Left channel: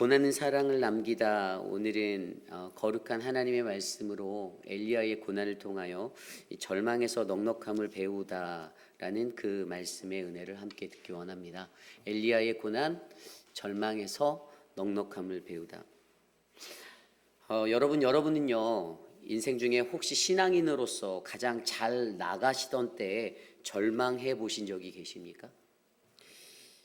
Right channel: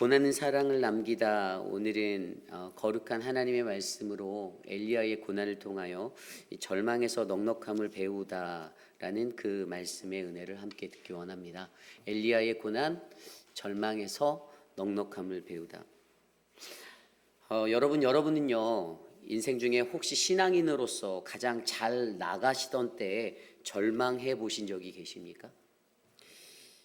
고난은 사랑을 남기다. 오늘은 거룩한 하나님의 말씀으로 엘리야의 고난을 통하여 절망에서 넉넉함을 배우다라는 그 말씀의 은혜를 함께 듣기 원합니다. 엘리야의 고난, 절망에서 넉넉함을 배우다. 여러분은요, 인생 중에 혹시 신앙인으로서 가장 잘 나가시던 때에 절망해 보신 적이 계십니까?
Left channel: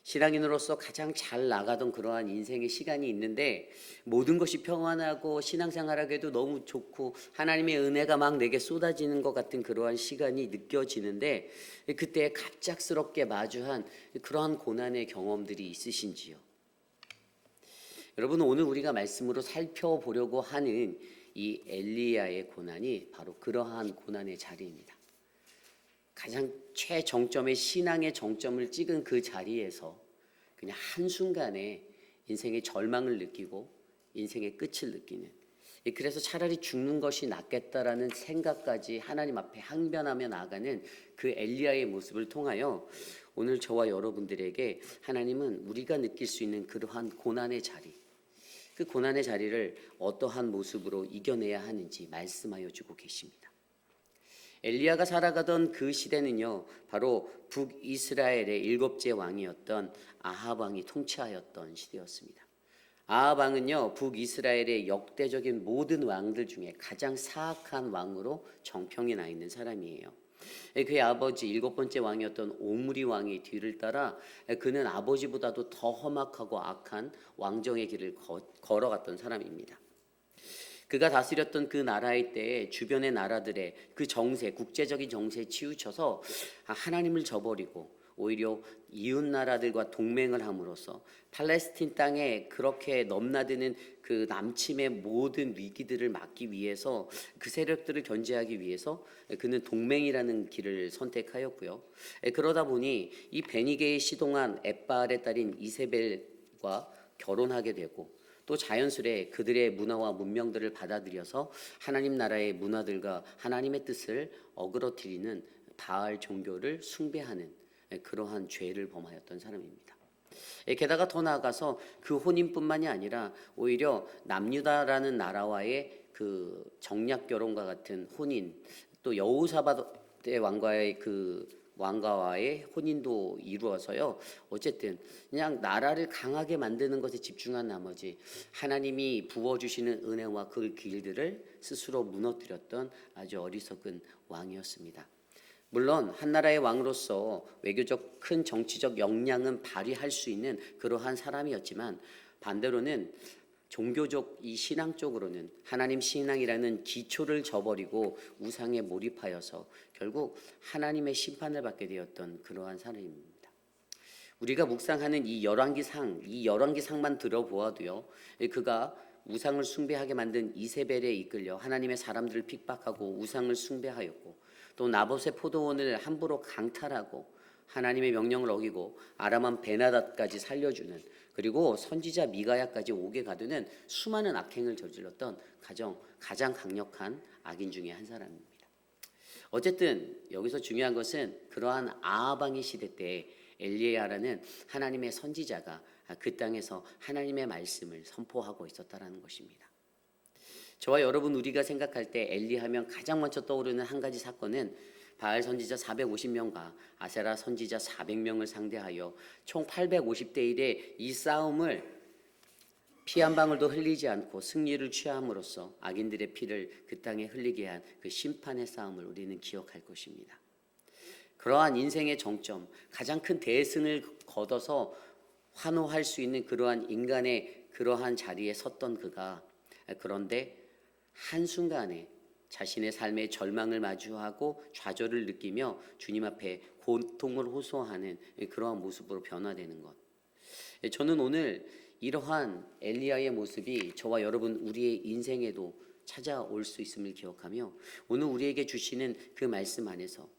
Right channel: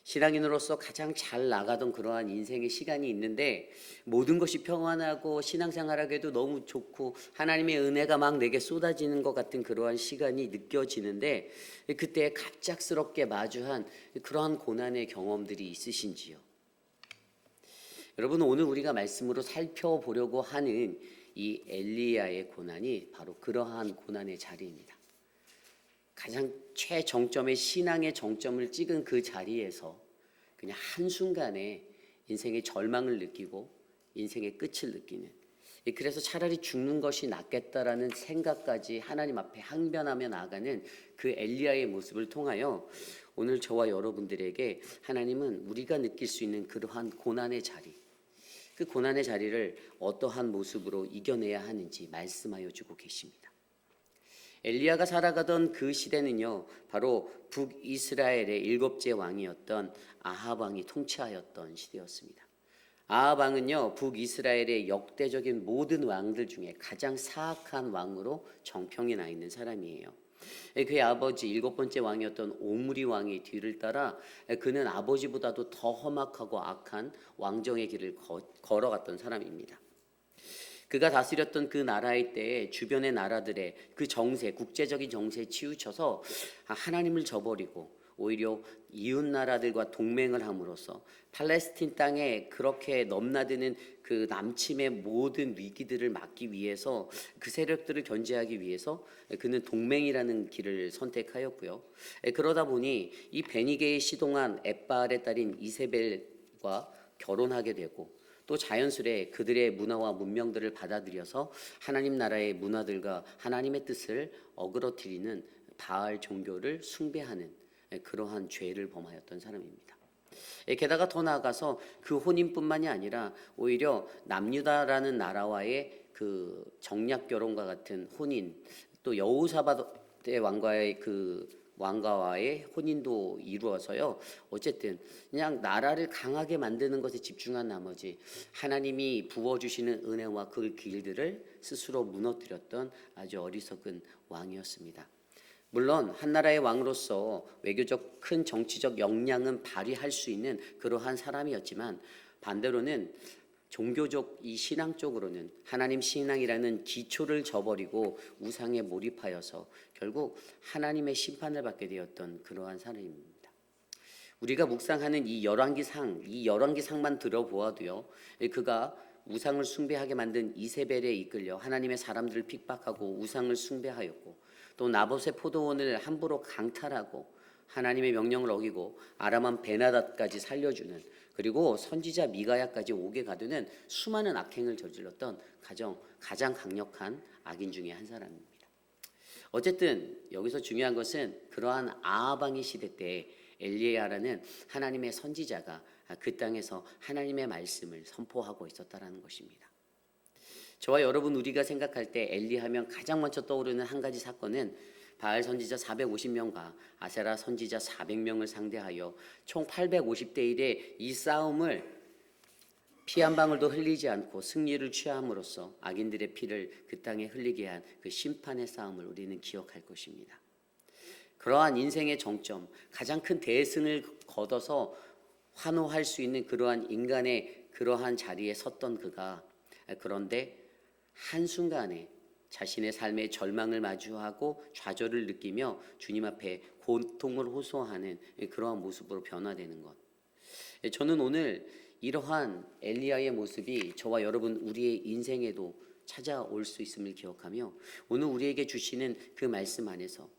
신앙인으로서 가장 잘 나가던 그러한 인생의 시간이 있는데 모든 것이 평안하고 신앙생활하기에도 너무 좋고 하나님의 은혜가 막 내게 쏟아지는 것 같은 그러한 시간이 느껴지는데 그때 갑작스럽게 마주한 그러한 고난의 경험들이 있으신지요? 여러분, 오늘 우리가 말씀으로 살펴보려고 하는 이 엘리야의 고난이 바로 그러한 고난의 자리입니다. 가장 최정점의 신앙의 정점을 찍은 그 자리에서 그냥 한순간에 인생의 절망을 느끼고 인생의 끝을 느끼는, 그래서 차라리 죽는 것이 낫겠다라는 생각까지 하나님 앞에 항변하며 나아가는 그 엘리야의 모습을 통하여 오늘 저와 여러분들에게 하나님은 우리가 느낄 수 있는 그러한 고난의 자리, 그 고난의 자리를 어떠한 모습으로 이겨내야 하는지 말씀하여 주고 계십니다. 엘리야가 살아가던 그 시대는요, 바로 북이스라엘의 7째 왕이었던 아합 왕이 통치하였던 시대였습니다. 아합 왕은요, 북이스라엘의 역대적인 모든 왕들 중에 가장 사악한 왕으로 정평이 나 있는 사람이에요. 그의 아버지 7번째 왕이었던 오므리 왕의 뒤를 따라 그는 아버지보다도 더 험악하고 악한 왕정의 길을 걸어갔던 사람입니다. 그가 다스렸던 그 나라의 때에 주변의 나라들의 그 정세, 국제적인 정세에 치우쳐서 하나님을 저버리고 오히려 이웃 나라들과 동맹을 함으로써 팔레스틴 땅에 그렇게 넘나드는 그 남침의 모든 위기들을 막기 위해서, 그 세력들을 견제하기 위해서 그는 동맹이라는 길을 선택하였고요. 그러다 보니 이 베니게에 시동한 엣바알의 딸인 이세벨과 결혼하게 되고, 또 자연스레 그들의 문화와 문명들을 받아들여서 하나님 나라의 문화들과 하나님의 뜻을 어그러뜨리는 바알 종교를 숭배하는 그러한 죄를 범하였던 사람입니다. 게다가 더 나아가서 그 혼인뿐만이 아니라 오히려 남유다라는 나라와의 그 정략 결혼과 같은 혼인, 또 여호사밧의 왕가와의 혼인도 이루어서요, 어쨌든 그냥 나라를 강하게 만드는 것에 집중한 나머지 하나님이 부어주시는 은혜와 그 길들을 스스로 무너뜨렸던 아주 어리석은 왕이었습니다. 물론 한 나라의 왕으로서 외교적 큰 정치적 역량은 발휘할 수 있는 그러한 사람이었지만, 반대로는 종교적 이 신앙 쪽으로는 하나님 신앙이라는 기초를 저버리고 우상에 몰입하여서 결국 하나님의 심판을 받게 되었던 그러한 사람입니다. 우리가 묵상하는 이 열왕기상만 들어보아도요, 그가 우상을 숭배하게 만든 이세벨에 이끌려 하나님의 사람들을 핍박하고 우상을 숭배하였고, 또 나봇의 포도원을 함부로 강탈하고 하나님의 명령을 어기고 아람왕 베나닷까지 살려주는, 그리고 선지자 미가야까지 오게 가두는 수많은 악행을 저질렀던 가장 강력한 악인 중에 한 사람입니다. 어쨌든 여기서 중요한 것은 그러한 아합 왕의 시대 때 엘리야라는 하나님의 선지자가 그 땅에서 하나님의 말씀을 선포하고 있었다라는 것입니다. 저와 여러분, 우리가 생각할 때 엘리하면 가장 먼저 떠오르는 한 가지 사건은 바알 선지자 450명과 아세라 선지자 400명을 상대하여 총 850대 1의 이 싸움을 피 한 방울도 흘리지 않고 승리를 취함으로써 악인들의 피를 그 땅에 흘리게 한 그 심판의 싸움을 우리는 기억할 것입니다. 그러한 인생의 정점, 가장 큰 대승을 거둬서 환호할 수 있는 그러한 인간의 그러한 자리에 섰던 그가, 그런데 한순간에 자신의 삶의 절망을 마주하고 좌절을 느끼며 주님 앞에 고통을 호소하는 그러한 모습으로 변화되는 것. 저는 오늘 이러한 엘리야의 모습이 저와 여러분 우리의 인생에도 찾아올 수 있음을 기억하며 오늘 우리에게 주시는 그 말씀 안에서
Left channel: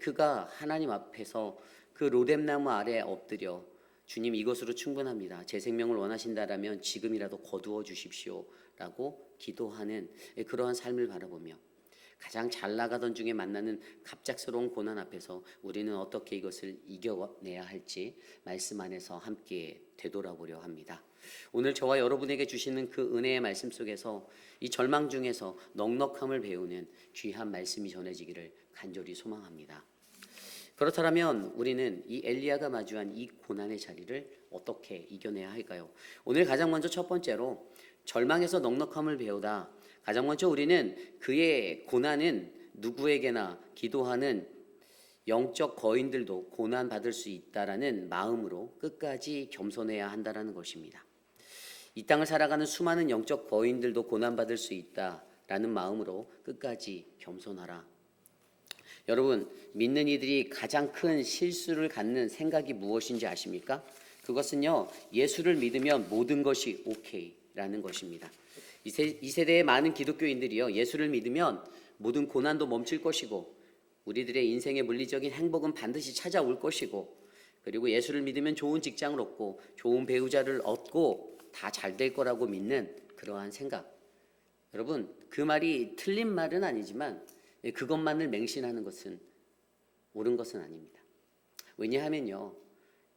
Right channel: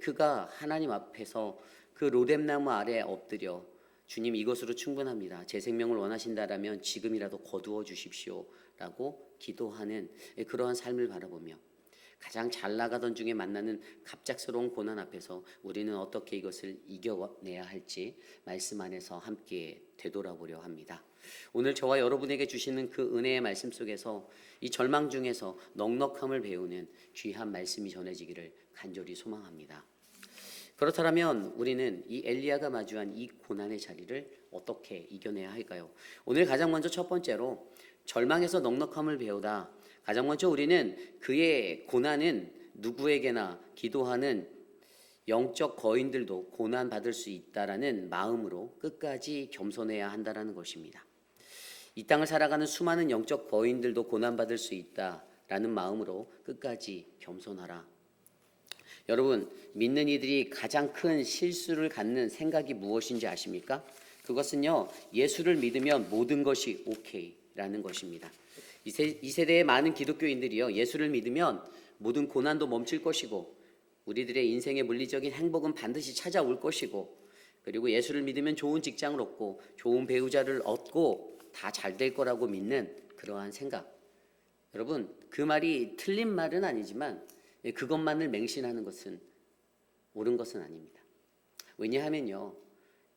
그가 하나님 앞에서 그 로뎀나무 아래에 엎드려 주님, 이것으로 충분합니다, 제 생명을 원하신다라면 지금이라도 거두어 주십시오 라고 기도하는 그러한 삶을 바라보며, 가장 잘 나가던 중에 만나는 갑작스러운 고난 앞에서 우리는 어떻게 이것을 이겨내야 할지 말씀 안에서 함께 되돌아보려 합니다. 오늘 저와 여러분에게 주시는 그 은혜의 말씀 속에서 이 절망 중에서 넉넉함을 배우는 귀한 말씀이 전해지기를 간절히 소망합니다. 그렇다면 우리는 이 엘리야가 마주한 이 고난의 자리를 어떻게 이겨내야 할까요? 오늘 가장 먼저 첫 번째로 절망에서 넉넉함을 배우다. 가장 먼저 우리는 그의 고난은 누구에게나 기도하는 영적 거인들도 고난받을 수 있다라는 마음으로 끝까지 겸손해야 한다라는 것입니다. 이 땅을 살아가는 수많은 영적 거인들도 고난받을 수 있다라는 마음으로 끝까지 겸손하라. 여러분, 믿는 이들이 가장 큰 실수를 갖는 생각이 무엇인지 아십니까? 그것은요, 예수를 믿으면 모든 것이 오케이라는 것입니다. 이 세대의 많은 기독교인들이요, 예수를 믿으면 모든 고난도 멈출 것이고 우리들의 인생의 물리적인 행복은 반드시 찾아올 것이고, 그리고 예수를 믿으면 좋은 직장을 얻고 좋은 배우자를 얻고 다 잘 될 거라고 믿는 그러한 생각. 여러분, 그 말이 틀린 말은 아니지만 그것만을 맹신하는 것은 옳은 것은 아닙니다. 왜냐하면요,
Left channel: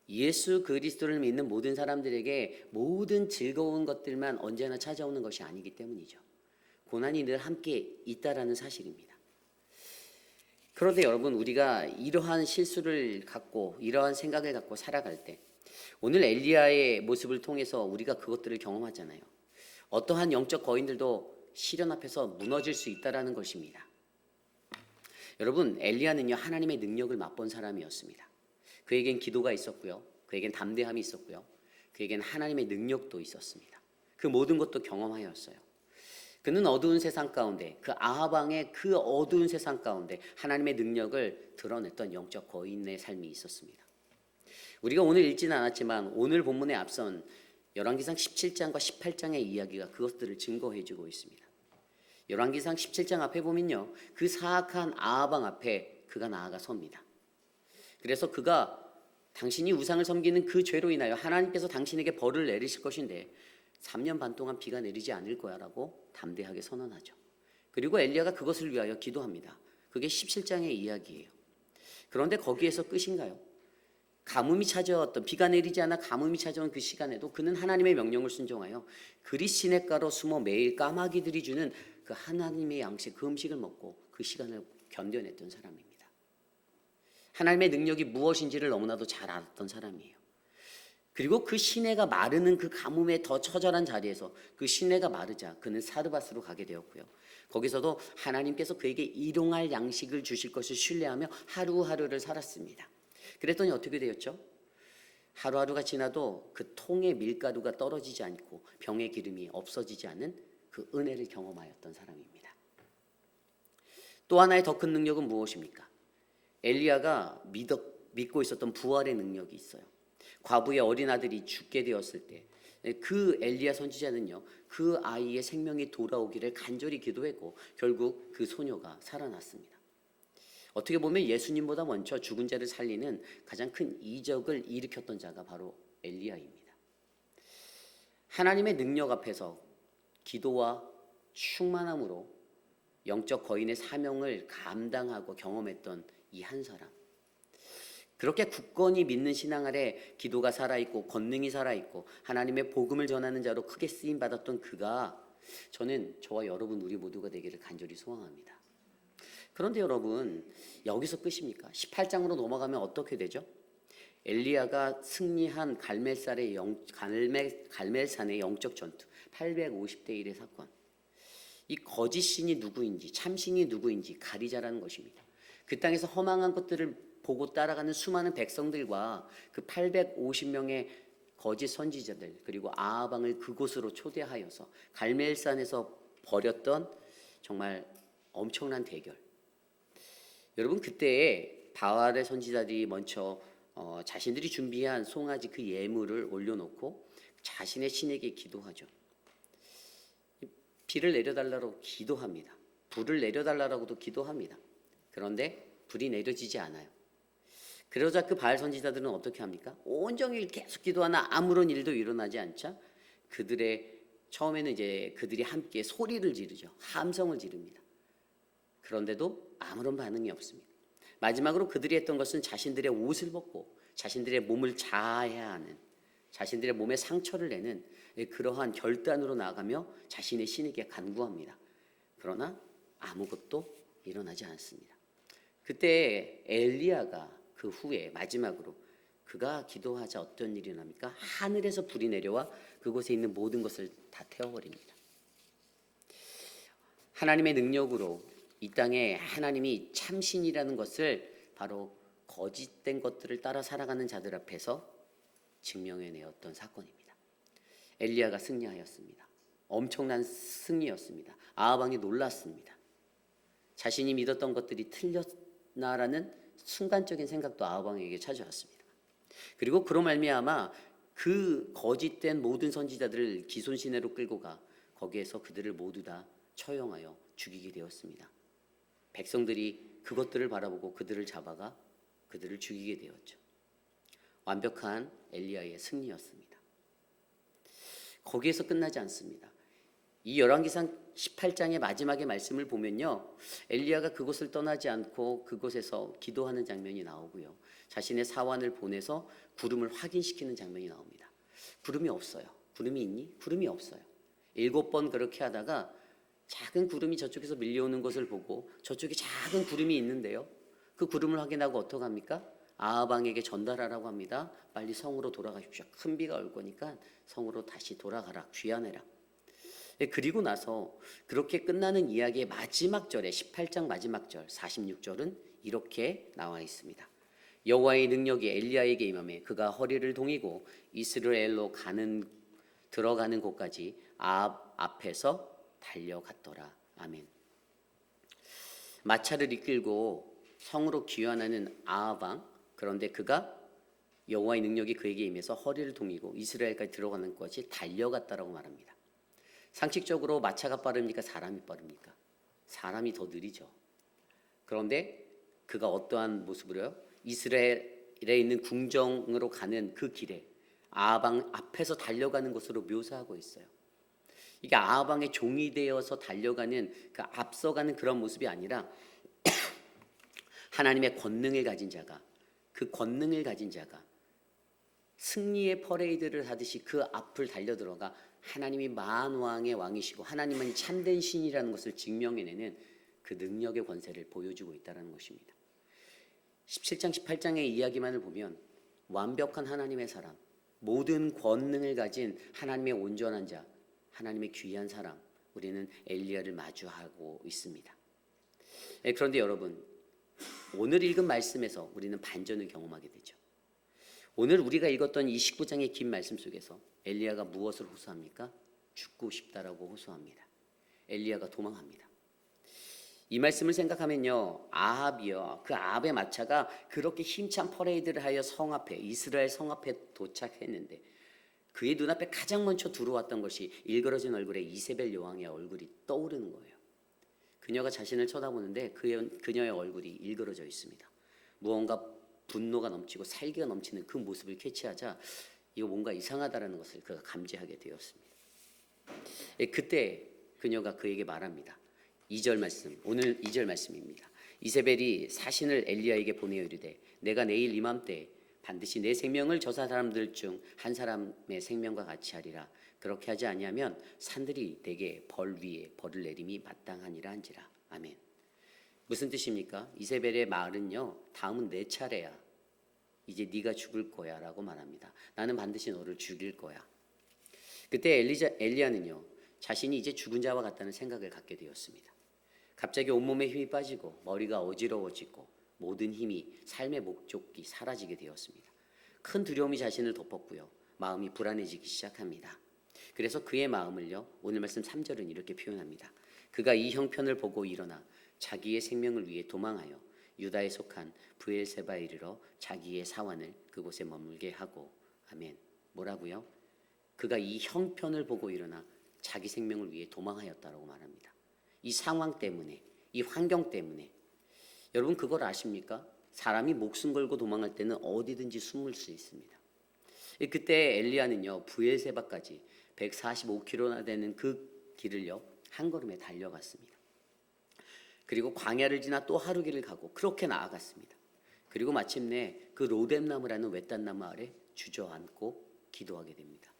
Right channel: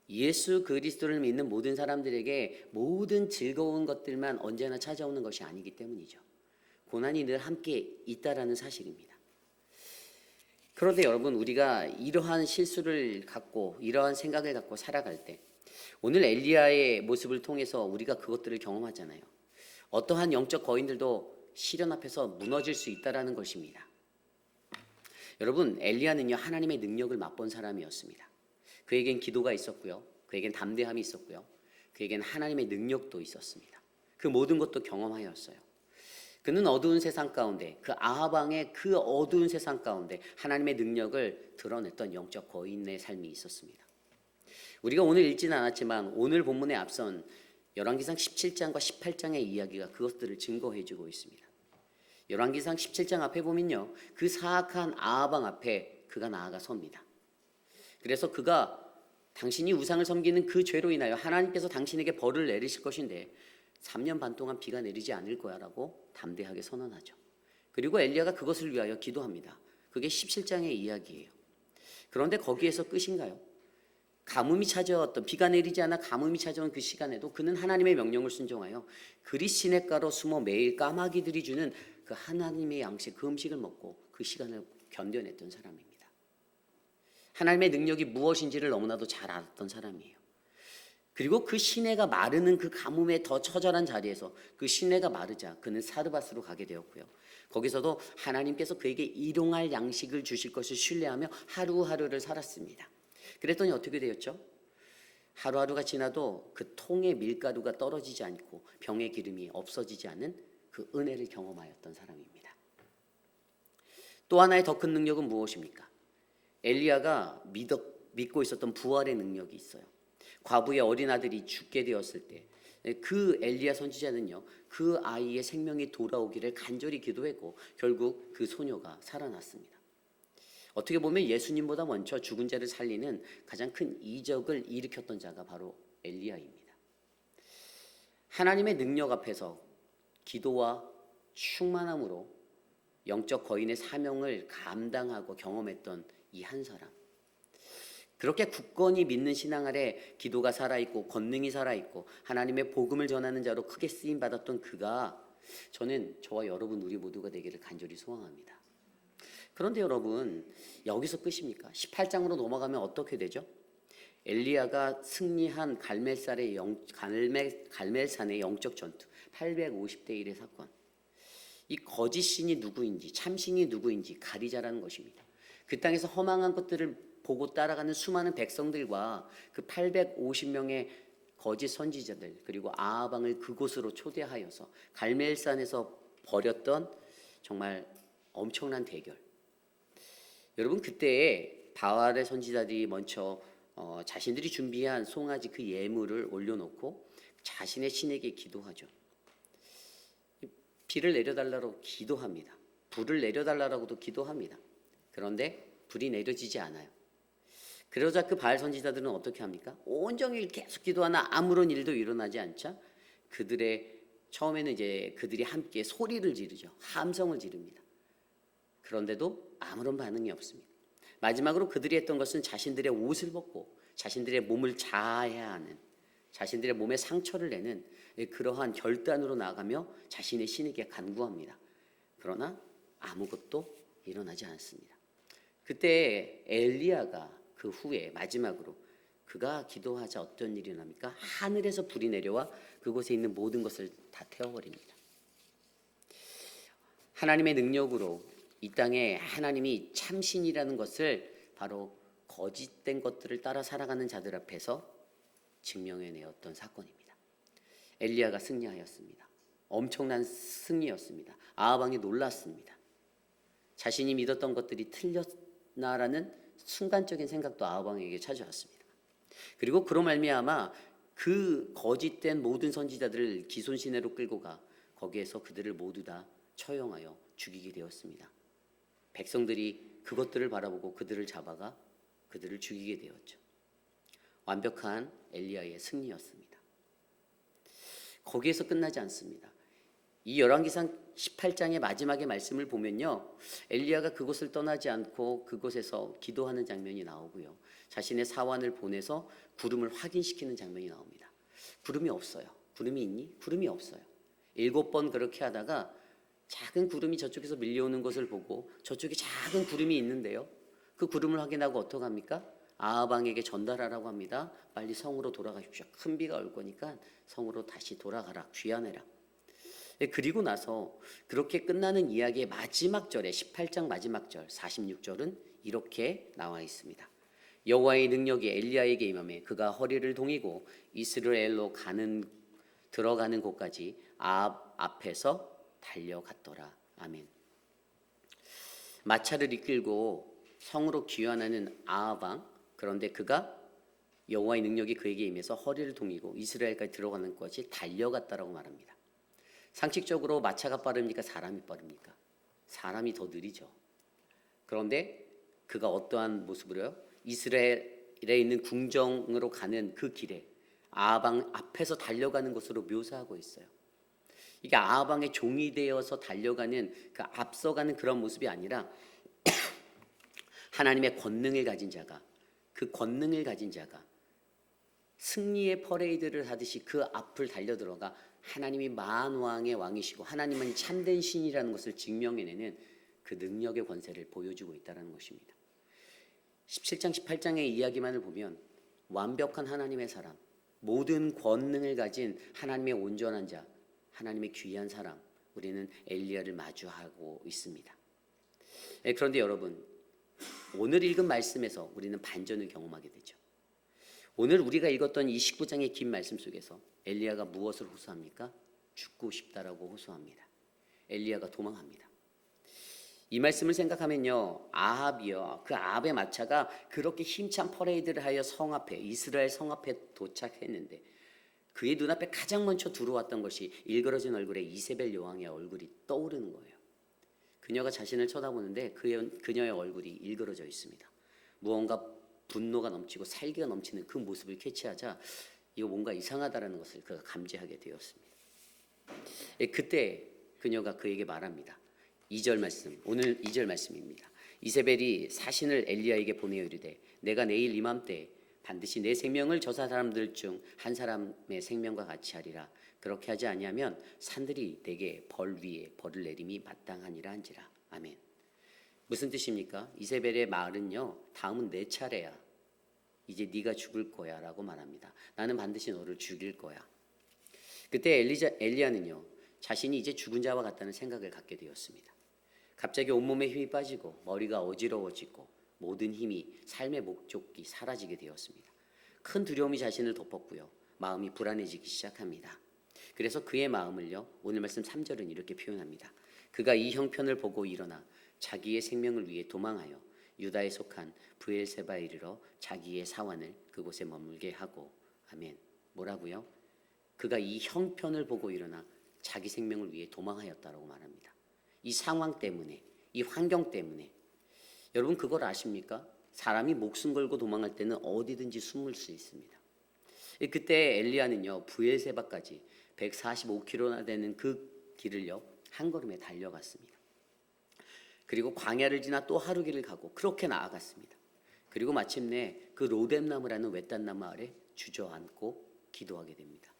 예수 그리스도를 믿는 모든 사람들에게 모든 즐거운 것들만 언제나 찾아오는 것이 아니기 때문이죠. 고난이 늘 함께 있다라는 사실입니다. 그런데 여러분, 우리가 이러한 실수를 갖고 이러한 생각을 갖고 살아갈 때 오늘 엘리야의 모습을 통해서 우리가 그것들을 경험하잖아요. 어떠한 영적 거인들도 시련 앞에서 무너질 수 있다라는 것입니다. 여러분, 엘리야는요, 하나님의 능력을 맛본 사람이었습니다. 그에겐 기도가 있었고요, 그에겐 담대함이 있었고요, 그에겐 하나님의 능력도 있었습니다. 그 모든 것도 경험하였어요. 그는 어두운 세상 가운데, 그 아합 왕의 그 어두운 세상 가운데 하나님의 능력을 드러냈던 영적 거인의 삶이 있었습니다. 우리가 오늘 읽지는 않았지만 오늘 본문에 앞선 열왕기상 17장과 18장의 이야기가 그것들을 증거해주고 있습니다. 열왕기상 17장 앞에 보면요, 그 사악한 아합 왕 앞에 그가 나아가 섭니다. 그래서 그가 당신이 우상을 섬기는 그 죄로 인하여 하나님께서 당신에게 벌을 내리실 것인데 3년 반 동안 비가 내리지 않을 거야 라고 담대하게 선언하죠. 그리고 엘리야가 그것을 위하여 기도합니다. 그게 17장의 이야기예요. 그런데 거기에서 끝인가요? 가뭄이 찾아왔던, 비가 내리지 않아 가뭄이 찾아온 그 시간에도 그는 하나님의 명령을 순종하여 그리 시냇가로 숨어 매일 까마귀들이 주는 그 하나님의 양식, 그 음식을 먹고 그 시간을 견뎌냈던 사람입니다. 하나님의 능력이 무엇인지를 너무나도 잘 알았던 사람이에요. 그리고 그 시내가 마르는 그 가뭄에 더 처절한 자리에서 그 시내가 마르자 그는 사르밧으로 가게 되었고요. 거기서도 하나님께서 그에게 일용할 양식을 주실 것을 신뢰하며 하루하루를 살았습니다. 그랬더니 어떻게 되었죠? 하루하루가 지나도 그 통의 밀가루가 떨어지지 않고 병의 기름이 없어지지 않는 그 은혜를 경험하였던 사람입니다. 또 하나의 더 큰 능력은 무엇입니까? 엘리야가 믿고 있었던 부활의 능력이 있어요. 과부의 어린 아들이 죽게 되었을 때 그 엘리야 선지자는요, 그 아이의 생명이 돌아오기를 간절히 기도했고 결국 그 소녀가 살아났습니다. 어떻게 보면 예수님보다 먼저 죽은 자를 살리는 가장 큰 이적을 일으켰던 자가 바로 엘리야입니다. 하나님의 능력 앞에서 기도와 충만함으로 영적 거인의 사명을 감당하고 경험했던 이 한 사람, 그렇게 굳건히 믿는 신앙 아래 기도가 살아있고 권능이 살아있고 하나님의 복음을 전하는 자로 크게 쓰임받았던 그가, 저는 저와 여러분 우리 모두가 되기를 간절히 소망합니다. 그런데 여러분, 여기서 끝입니까? 18장으로 넘어가면 어떻게 되죠? 엘리야가 승리한 갈멜산의 영적 전투, 850대 1의 사건. 이 거짓 신이 누구인지 참신이 누구인지 가리자라는 것입니다. 그 땅에서 허망한 것들을 보고 따라가는 수많은 백성들과 그 850명의 거짓 선지자들, 그리고 아합 왕을 그곳으로 초대하여서 갈멜산에서 벌였던 정말 엄청난 대결. 여러분, 그때에 바알의 선지자들이 먼저 자신들이 준비한 송아지 그 예물을 올려놓고 자신의 신에게 기도하죠. 비를 내려달라고 기도합니다. 불을 내려달라고도 기도합니다. 그런데 불이 내려지지 않아요. 그러자 그 바알 선지자들은 어떻게 합니까? 온종일 계속 기도하나 아무런 일도 일어나지 않자 처음에는 이제 그들이 함께 소리를 지르죠. 함성을 지릅니다. 그런데도 아무런 반응이 없습니다. 마지막으로 그들이 했던 것은 자신들의 옷을 벗고 자신들의 몸을 자아해야 하는, 자신들의 몸에 상처를 내는 그러한 결단으로 나아가며 자신의 신에게 간구합니다. 그러나 아무것도 일어나지 않습니다. 그때 엘리야가 그 후에 마지막으로 그가 기도하자 어떤 일이 일어납니까? 하늘에서 불이 내려와 그곳에 있는 모든 것을 다 태워버립니다. 하나님의 능력으로 이 땅에 하나님이 참신이라는 것을 바로 거짓된 것들을 따라 살아가는 자들 앞에서 증명해내었던 사건입니다. 엘리야가 승리하였습니다. 엄청난 승리였습니다. 아하방이 놀랐습니다. 자신이 믿었던 것들이 틀렸나라는 순간적인 생각도 아하방에게 찾아왔습니다. 그리고 그로 말미암아 그 거짓된 모든 선지자들을 기손시내로 끌고 가 거기에서 그들을 모두 다 처형하여 죽이게 되었습니다. 백성들이 그것들을 바라보고 그들을 잡아가 그들을 죽이게 되었죠. 완벽한 엘리야의 승리였습니다. 거기에서 끝나지 않습니다. 이 열왕기상 18장의 마지막의 말씀을 보면요, 엘리야가 그곳을 떠나지 않고 그곳에서 기도하는 장면이 나오고요, 자신의 사환을 보내서 구름을 확인시키는 장면이 나옵니다. 구름이 없어요. 구름이 있니? 구름이 없어요. 7번 그렇게 하다가 작은 구름이 저쪽에서 밀려오는 것을 보고 저쪽에 작은 구름이 있는데요, 그 구름을 확인하고 어떡합니까? 아하방에게 전달하라고 합니다. 빨리 성으로 돌아가십시오. 큰 비가 올 거니까 성으로 다시 돌아가라. 귀환해라. 그리고 나서 그렇게 끝나는 이야기의 마지막 절에 18장 마지막 절 46절은 이렇게 나와 있습니다. 여호와의 능력이 엘리야에게 임하매 그가 허리를 동이고 이스라엘로 들어가는 곳까지 아합 앞에서 달려갔더라. 아멘. 마차를 이끌고 성으로 귀환하는 아하방, 그런데 그가 여호와의 능력이 그에게 임해서 허리를 동이고 이스라엘까지 들어가는 것이 달려갔다라고 말합니다. 상식적으로 마차가 빠릅니까? 사람이 빠릅니까? 사람이 더 느리죠. 그런데 그가 어떠한 모습으로요? 이스라엘에 있는 궁정으로 가는 그 길에 아하방 앞에서 달려가는 것으로 묘사하고 있어요. 이게 아하방의 종이 되어서 달려가는 그 앞서가는 그런 모습이 아니라 하나님의 권능을 가진 자가, 그 권능을 가진 자가 승리의 퍼레이드를 하듯이 그 앞을 달려들어가 하나님이 만왕의 왕이시고 하나님은 참된 신이라는 것을 증명해내는 그 능력의 권세를 보여주고 있다는 것입니다. 17장 18장의 이야기만을 보면 완벽한 하나님의 사람, 모든 권능을 가진 하나님의 온전한 자, 하나님의 귀한 사람, 우리는 엘리야를 마주하고 있습니다. 그런데 여러분, 오늘 읽은 말씀에서 우리는 반전을 경험하게 되죠. 오늘 우리가 읽었던 이 19장의 긴 말씀 속에서 엘리야가 무엇을 호소합니까? 죽고 싶다라고 호소합니다. 엘리야가 도망합니다. 이 말씀을 생각하면요, 아합이요, 그 아합의 마차가 그렇게 힘찬 퍼레이드를 하여 성 앞에, 이스라엘 성 앞에 도착했는데 그의 눈앞에 가장 먼저 들어왔던 것이 일그러진 얼굴에 이세벨 여왕의 얼굴이 떠오르는 거예요. 그녀가 자신을 쳐다보는데 그녀의 얼굴이 일그러져 있습니다. 무언가 분노가 넘치고 살기가 넘치는 그 모습을 캐치하자 이거 뭔가 이상하다라는 것을 그가 감지하게 되었습니다. 그때 그녀가 그에게 말합니다. 2절 말씀, 오늘 2절 말씀입니다. 이세벨이 사신을 엘리야에게 보내어 이르되 내가 내일 이맘때 반드시 내 생명을 저 사람들 중 한 사람의 생명과 같이 하리라. 그렇게 하지 아니하면 산들이 내게 벌 위에 벌을 내림이 마땅하니라 한지라. 아멘. 무슨 뜻입니까? 이세벨의 말은요, 다음은 내 차례야. 이제 네가 죽을 거야 라고 말합니다. 나는 반드시 너를 죽일 거야. 그때 엘리야는요, 자신이 이제 죽은 자와 같다는 생각을 갖게 되었습니다. 갑자기 온몸에 힘이 빠지고 머리가 어지러워지고 모든 힘이 삶의 목적이 사라지게 되었습니다. 큰 두려움이 자신을 덮었고요, 마음이 불안해지기 시작합니다. 그래서 그의 마음을요, 오늘 말씀 3절은 이렇게 표현합니다. 그가 이 형편을 보고 일어나 자기의 생명을 위해 도망하여 유다에 속한 브엘세바에 이르러 자기의 사환을 그곳에 머물게 하고. 아멘. 뭐라고요? 그가 이 형편을 보고 일어나 자기 생명을 위해 도망하였다라고 말합니다. 이 상황 때문에, 이 환경 때문에. 여러분 그걸 아십니까? 사람이 목숨 걸고 도망할 때는 어디든지 숨을 수 있습니다. 그때 엘리야는요, 브엘세바까지 145km나 되는 그 길을요, 한 걸음에 달려갔습니다. 그리고 광야를 지나 또 하루 길을 가고 그렇게 나아갔습니다. 그리고 마침내 그 로뎀나무라는 외딴나무 아래 주저앉고 기도하게 됩니다.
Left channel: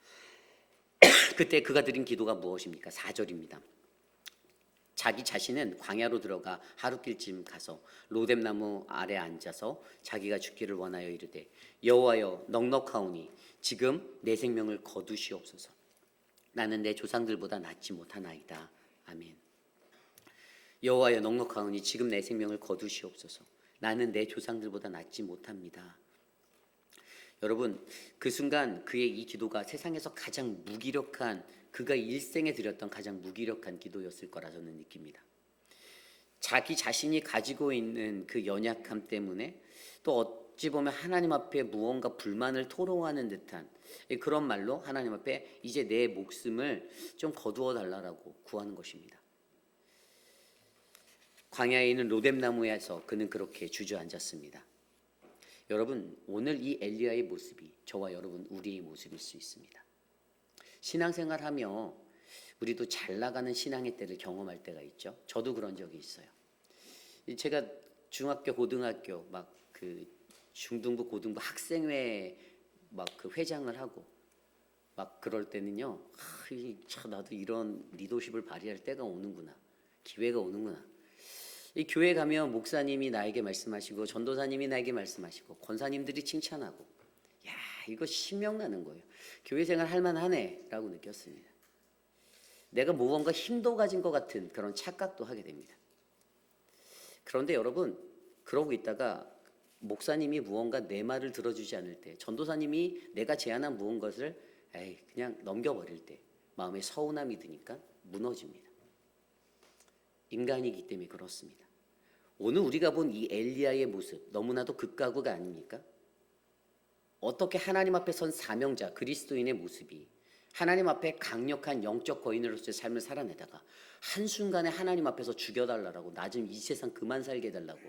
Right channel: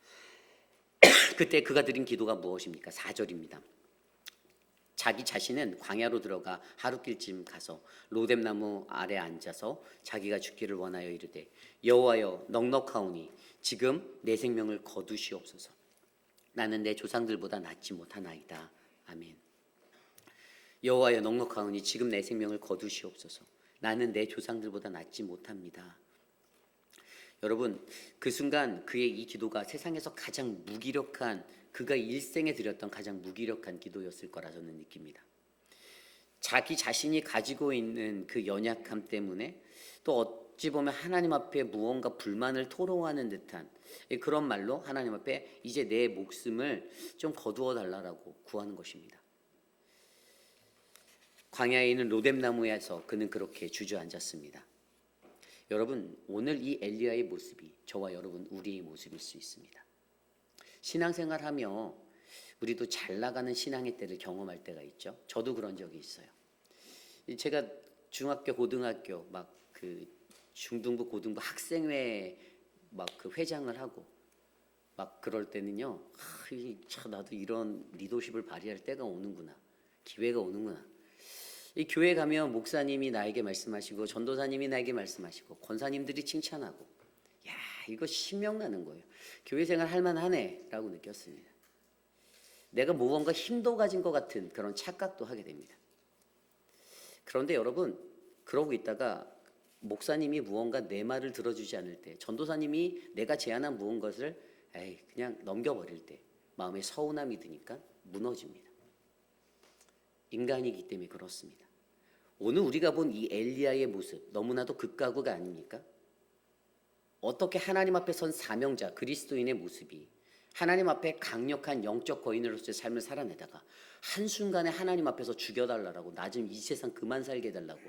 그때 그가 드린 기도가 무엇입니까? 4절입니다. 자기 자신은 광야로 들어가 하루길쯤 가서 로뎀나무 아래 앉아서 자기가 죽기를 원하여 이르되 여호와여 넉넉하오니 지금 내 생명을 거두시옵소서. 나는 내 조상들보다 낫지 못하나이다. 아멘. 여호와여 넉넉하오니 지금 내 생명을 거두시옵소서. 나는 내 조상들보다 낫지 못합니다. 여러분, 그 순간 그의 이 기도가 세상에서 가장 무기력한, 그가 일생에 드렸던 가장 무기력한 기도였을 거라 저는 느낍니다. 자기 자신이 가지고 있는 그 연약함 때문에 또 어찌 보면 하나님 앞에 무언가 불만을 토로하는 듯한 그런 말로 하나님 앞에 이제 내 목숨을 좀 거두어 달라고 구하는 것입니다. 광야에 있는 로뎀나무에서 그는 그렇게 주저앉았습니다. 여러분, 오늘 이 엘리야의 모습이 저와 여러분 우리의 모습일 수 있습니다. 신앙생활하며 우리도 잘 나가는 신앙의 때를 경험할 때가 있죠. 저도 그런 적이 있어요. 제가 중학교, 고등학교 막 그 중등부, 고등부 학생회 막 그 회장을 하고 막 그럴 때는요, 참 나도 이런 리더십을 발휘할 때가 오는구나, 기회가 오는구나. 이 교회 가면 목사님이 나에게 말씀하시고 전도사님이 나에게 말씀하시고 권사님들이 칭찬하고, 야, 이거 신명나는 거예요. 교회 생활 할만하네 라고 느꼈습니다. 내가 무언가 힘도 가진 것 같은 그런 착각도 하게 됩니다. 그런데 여러분, 그러고 있다가 목사님이 무언가 내 말을 들어주지 않을 때, 전도사님이 내가 제안한 무언가를 그냥 넘겨버릴 때 마음에 서운함이 드니까 무너집니다. 인간이기 때문에 그렇습니다. 오늘 우리가 본 이 엘리야의 모습 너무나도 극과 극 아닙니까? 어떻게 하나님 앞에 선 사명자 그리스도인의 모습이 하나님 앞에 강력한 영적 거인으로서의 삶을 살아내다가 한순간에 하나님 앞에서 죽여달라고, 나 좀 이 세상 그만 살게 해달라고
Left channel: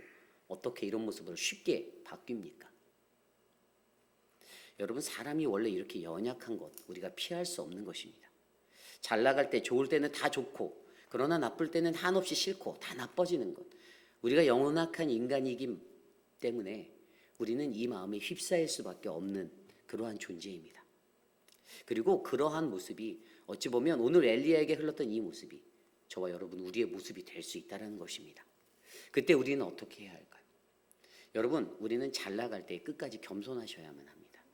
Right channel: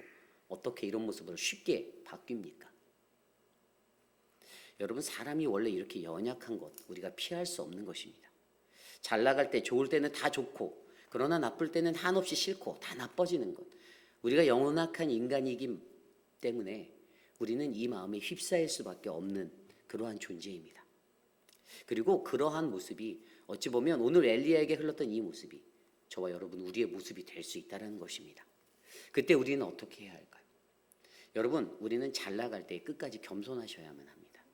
어떻게 이런 모습으로 쉽게 바뀝니까? 여러분, 사람이 원래 이렇게 연약한 것 우리가 피할 수 없는 것입니다. 잘 나갈 때, 좋을 때는 다 좋고, 그러나 나쁠 때는 한없이 싫고 다 나빠지는 것, 우리가 영원한 인간이기 때문에 우리는 이 마음에 휩싸일 수밖에 없는 그러한 존재입니다. 그리고 그러한 모습이 어찌 보면 오늘 엘리야에게 흘렀던 이 모습이 저와 여러분 우리의 모습이 될 수 있다는 것입니다. 그때 우리는 어떻게 해야 할까요? 여러분, 우리는 잘 나갈 때 끝까지 겸손하셔야만 합니다.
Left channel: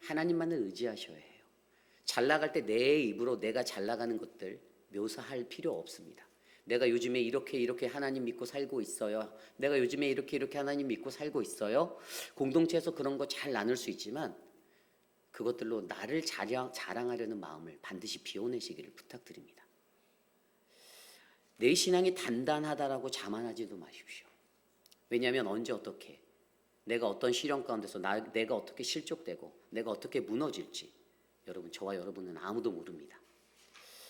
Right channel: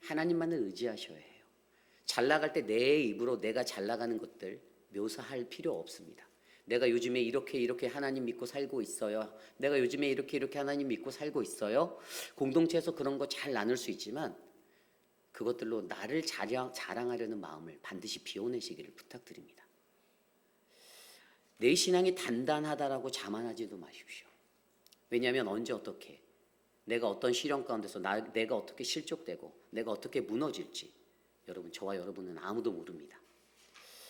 하나님만을 의지하셔야 해요. 잘 나갈 때 내 입으로 내가 잘 나가는 것들 묘사할 필요 없습니다. 내가 요즘에 이렇게 하나님 믿고 살고 있어요. 내가 요즘에 이렇게 하나님 믿고 살고 있어요. 공동체에서 그런 거 잘 나눌 수 있지만 그것들로 나를 자랑하려는 마음을 반드시 비워내시기를 부탁드립니다. 내 신앙이 단단하다라고 자만하지도 마십시오. 왜냐하면 언제 어떻게 내가 어떤 시련 가운데서 내가 어떻게 실족되고 내가 어떻게 무너질지 여러분, 저와 여러분은 아무도 모릅니다.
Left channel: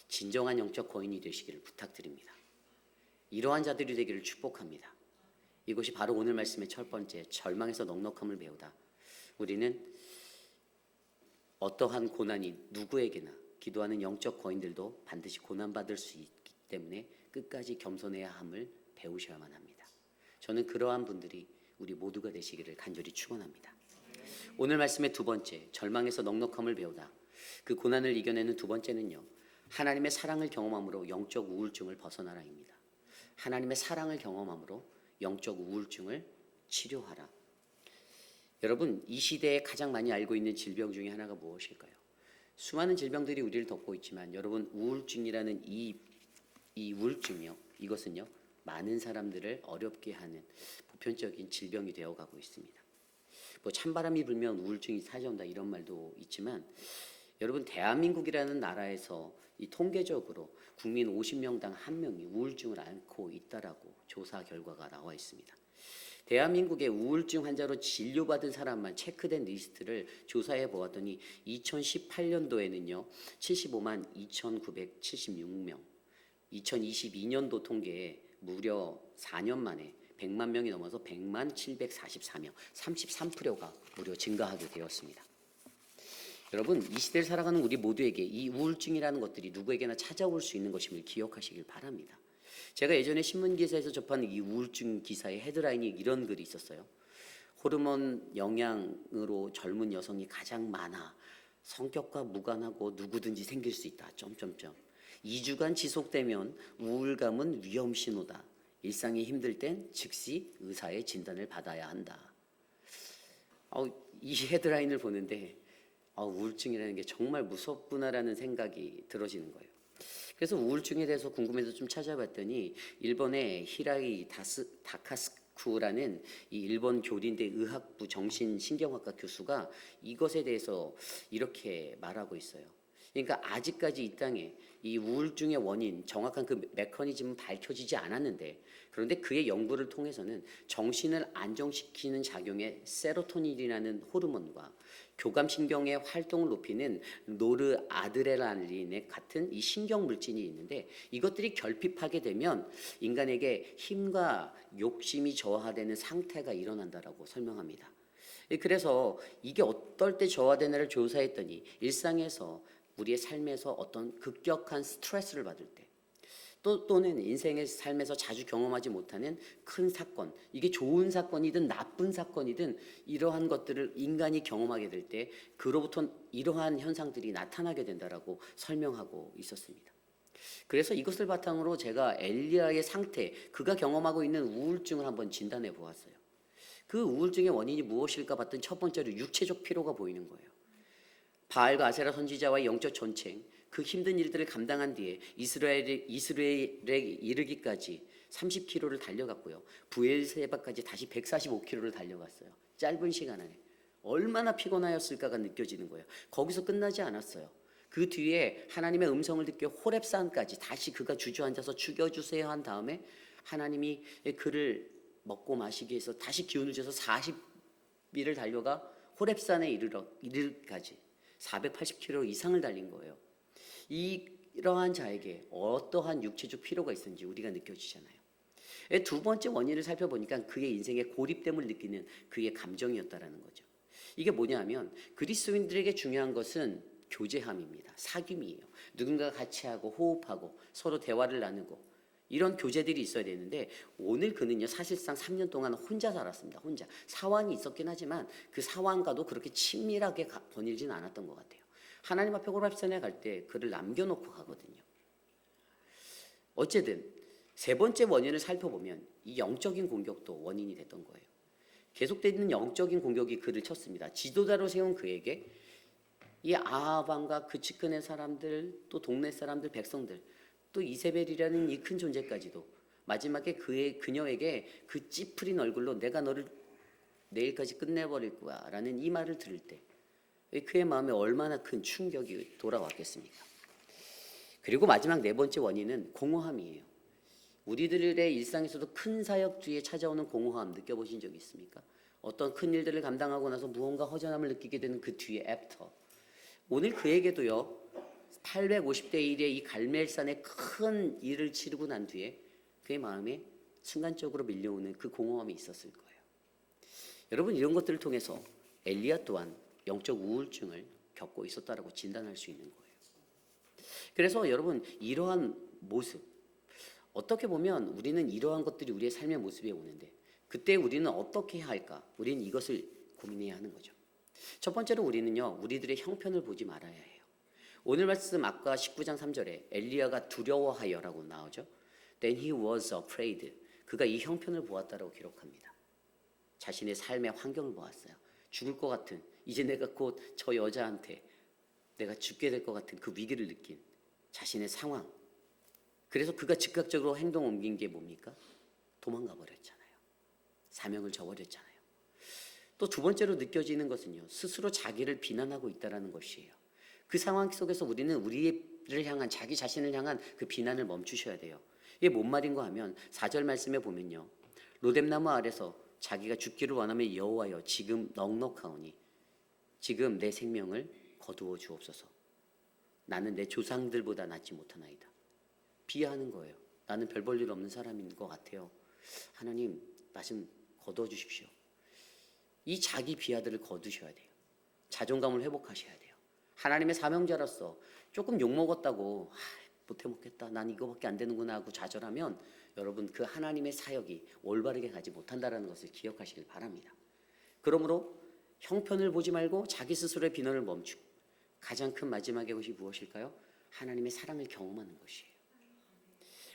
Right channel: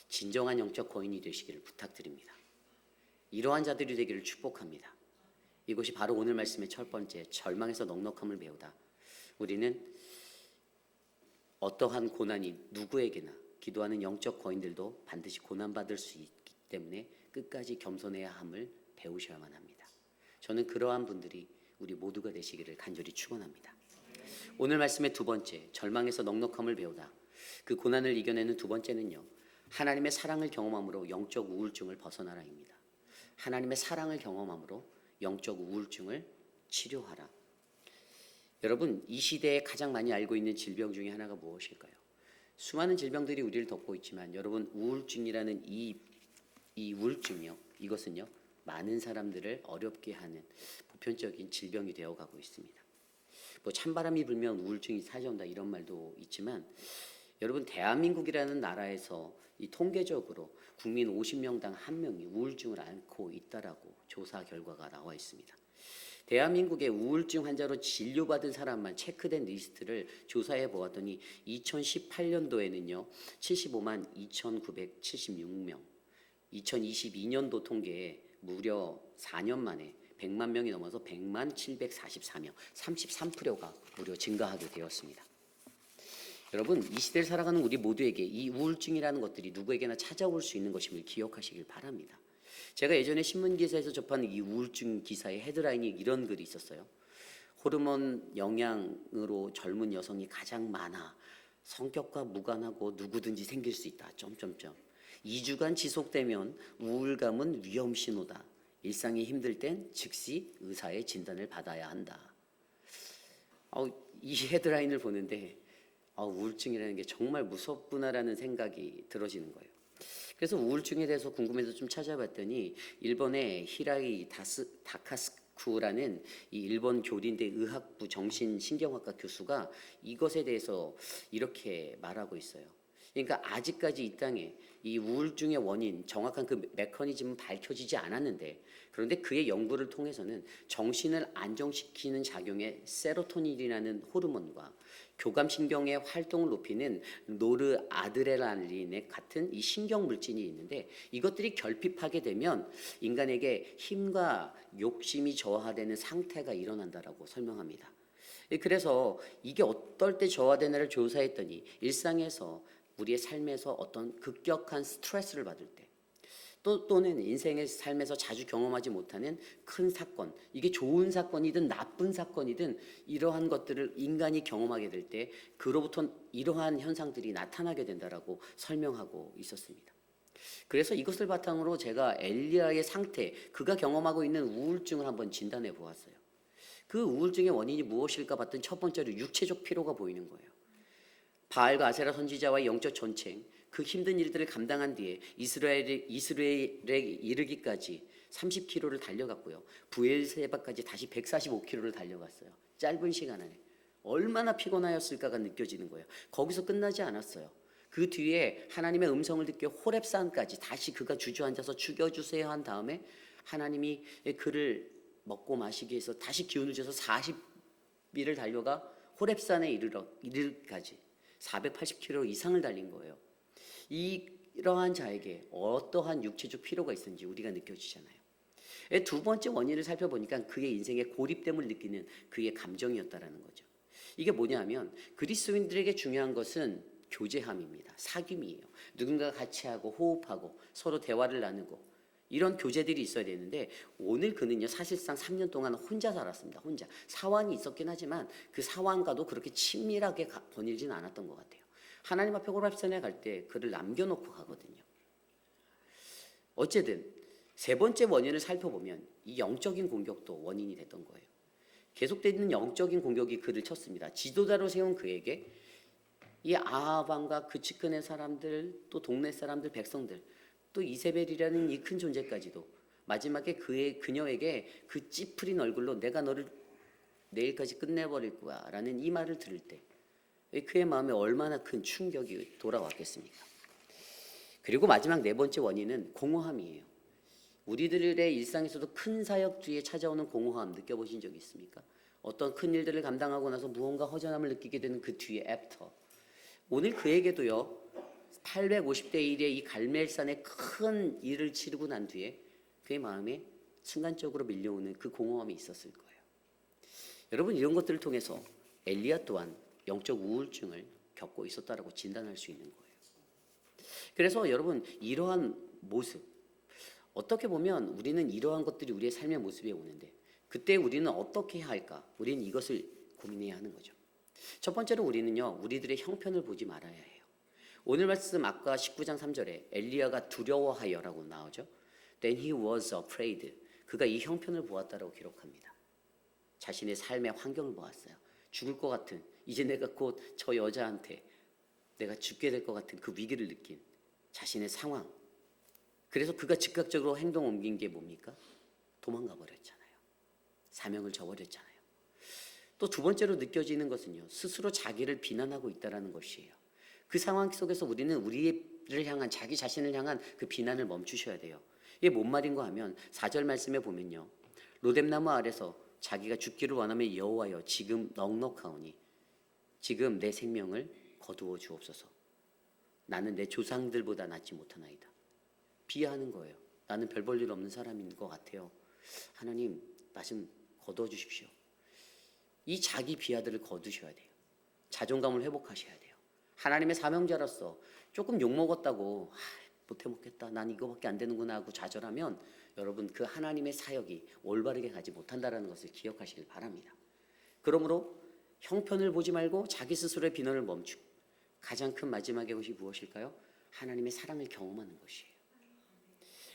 진정한 영적 거인이 되시기를 부탁드립니다. 이러한 자들이 되기를 축복합니다. 이것이 바로 오늘 말씀의 첫 번째, 절망에서 넉넉함을 배우다. 우리는 어떠한 고난이 누구에게나, 기도하는 영적 거인들도 반드시 고난받을 수 있기 때문에 끝까지 겸손해야 함을 배우셔야만 합니다. 저는 그러한 분들이 우리 모두가 되시기를 간절히 축원합니다. 오늘 말씀의 두 번째, 절망에서 넉넉함을 배우다. 그 고난을 이겨내는 두 번째는요, 하나님의 사랑을 경험함으로 영적 우울증을 벗어나라입니다. 하나님의 사랑을 경험함으로 영적 우울증을 치료하라. 여러분, 이 시대에 가장 많이 알고 있는 질병 중에 하나가 무엇일까요? 수많은 질병들이 우리를 덮고 있지만 여러분, 우울증이라는 이 우울증이요, 이것은요 많은 사람들을 어렵게 하는 보편적인 질병이 되어가고 있습니다. 뭐 찬바람이 불면 우울증이 사라진다 이런 말도 있지만 여러분, 대한민국이라는 나라에서 이 통계적으로 국민 50명당 1명이 우울증을 앓고 있다라고 조사 결과가 나와 있습니다. 대한민국의 우울증 환자로 진료받은 사람만 체크된 리스트를 조사해 보았더니 2018년도에는요 75만 2,976명, 2022년도 통계에 무려 4년 만에 100만 명이 넘어서 100만 744명, 33%가 무려 증가하게 되었습니다. 여러분, 이 시대를 살아가는 우리 모두에게 이 우울증이라는 것들이 누구에게나 찾아올 수 있는 것임을 기억하시길 바랍니다. 제가 예전에 신문 기사에서 접한 이 우울증 기사의 헤드라인이 이런 글이 있었어요. 호르몬 영향으로 젊은 여성이 가장 많아. 성격과 무관하고 누구든지 생길 수 있다. 2주간 지속되면 우울감은 위험 신호다. 일상이 힘들 땐 즉시 의사의 진단을 받아야 한다. 이 헤드라인을 보는데 우울증이라는 게 정말 무섭구나라는 생각이 들어지는 거예요. 그래서 우울증에 대해서 궁금해서 좀 찾아봤더니 일본의 히라이 다카스쿠라는 이 일본 교린대 의학부 정신신경학과 교수가 이것에 대해서 이렇게 말하고 있어요. 그러니까 아직까지 이 땅에 이 우울증의 원인, 정확한 그 메커니즘은 밝혀지지 않았는데, 그런데 그의 연구를 통해서는 정신을 안정시키는 작용의 세로토닌이라는 호르몬과 교감신경의 활동을 높이는 노르아드레날린 같은 이 신경 물질이 있는데, 이것들이 결핍하게 되면 인간에게 힘과 욕심이 저하되는 상태가 일어난다라고 설명합니다. 그래서 이게 어떨 때 저하되나를 조사했더니 일상에서 우리의 삶에서 어떤 급격한 스트레스를 받을 때, 또는 인생의 삶에서 자주 경험하지 못하는 큰 사건, 이게 좋은 사건이든 나쁜 사건이든 이러한 것들을 인간이 경험하게 될 때 그로부터 이러한 현상들이 나타나게 된다라고 설명하고 있었습니다. 그래서 이것을 바탕으로 제가 엘리야의 상태, 그가 경험하고 있는 우울증을 한번 진단해 보았어요. 그 우울증의 원인이 무엇일까 봤더니 첫 번째로 육체적 피로가 보이는 거예요. 바알과 아세라 선지자와의 영적 전쟁, 그 힘든 일들을 감당한 뒤에 이스라엘에 이르기까지 30km를 달려갔고요. 부엘세바까지 다시 145km를 달려갔어요. 짧은 시간 안에. 얼마나 피곤하였을까가 느껴지는 거예요. 거기서 끝나지 않았어요. 그 뒤에 하나님의 음성을 듣고 호렙산까지 다시 그가 주저앉아서 죽여주세요 한 다음에 하나님이 그를 먹고 마시기 위해서 다시 기운을 줘서 40일을 달려가 호렙산에 이르기까지 480km 이상을 달린 거예요. 이러한 자에게 어떠한 육체적 피로가 있었는지 우리가 느껴지잖아요. 두 번째 원인을 살펴보니까 그의 인생의 고립됨을 느끼는 그의 감정이었다라는 거죠. 이게 뭐냐면 그리스도인들에게 중요한 것은 교제함입니다. 사귐이에요. 누군가가 같이 하고 호흡하고 서로 대화를 나누고 이런 교제들이 있어야 되는데 오늘 그는요 사실상 3년 동안 혼자 살았습니다. 혼자. 사환이 있었긴 하지만 그 사환과도 그렇게 친밀하게 거닐지는 않았던 것 같아요. 하나님 앞에 호렙산에 갈 때 그를 남겨놓고 가거든요. 어쨌든 세 번째 원인을 살펴보면 이 영적인 공격도 원인이 됐던 거예요. 계속되는 영적인 공격이 그를 쳤습니다. 지도자로 세운 그에게 이 아합 왕과 그 측근의 사람들, 또 동네 사람들, 백성들, 또 이세벨이라는 이 큰 존재까지도 마지막에 그녀에게 그 찌푸린 얼굴로 내가 너를 내일까지 끝내버릴 거야 라는 이 말을 들을 때 그의 마음에 얼마나 큰 충격이 돌아왔겠습니까? 그리고 마지막 네 번째 원인은 공허함이에요. 우리들의 일상에서도 큰 사역 뒤에 찾아오는 공허함 느껴보신 적 있습니까? 어떤 큰 일들을 감당하고 나서 무언가 허전함을 느끼게 되는 그 뒤에 애프터. 오늘 그에게도요 850대 1의 이 갈멜산의 큰 일을 치르고 난 뒤에 그의 마음에 순간적으로 밀려오는 그 공허함이 있었을 거예요. 여러분 이런 것들을 통해서 엘리야 또한 영적 우울증을 겪고 있었다라고 진단할 수 있는 거예요. 그래서 여러분 이러한 모습 어떻게 보면 우리는 이러한 것들이 우리의 삶의 모습에 오는데 그때 우리는 어떻게 해야 할까? 우리는 이것을 고민해야 하는 거죠. 첫 번째로 우리는요 우리들의 형편을 보지 말아야 해요. 오늘 말씀 아까 19장 3절에 엘리야가 두려워하여라고 나오죠. Then he was afraid. 그가 이 형편을 보았다라고 기록합니다. 자신의 삶의 환경을 보았어요. 죽을 것 같은 이제 내가 곧 저 여자한테 내가 죽게 될 것 같은 그 위기를 느낀 자신의 상황. 그래서 그가 즉각적으로 행동 옮긴 게 뭡니까? 도망가 버렸잖아요. 사명을 저버렸잖아요. 또 두 번째로 느껴지는 것은요. 스스로 자기를 비난하고 있다는 것이에요. 그 상황 속에서 우리는 우리를 향한 자기 자신을 향한 그 비난을 멈추셔야 돼요. 이게 뭔 말인가 하면 4절 말씀에 보면요. 로뎀나무 아래서 자기가 죽기를 원하면 여호와여 지금 넉넉하오니 지금 내 생명을 거두어 주옵소서. 나는 내 조상들보다 낫지 못하나이다. 비하하는 거예요. 나는 별 볼 일 없는 사람인 것 같아요. 하나님 나 좀 거두어 주십시오. 이 자기 비하들을 거두셔야 돼요. 자존감을 회복하셔야 돼요. 하나님의 사명자로서 조금 욕먹었다고 못해 먹겠다. 난 이거밖에 안 되는구나 하고 좌절하면 여러분 그 하나님의 사역이 올바르게 가지 못한다라는 것을 기억하시길 바랍니다. 그러므로 형편을 보지 말고 자기 스스로의 비난을 멈추고 가장 큰 마지막의 것이 무엇일까요? 하나님의 사랑을 경험하는 것이에요.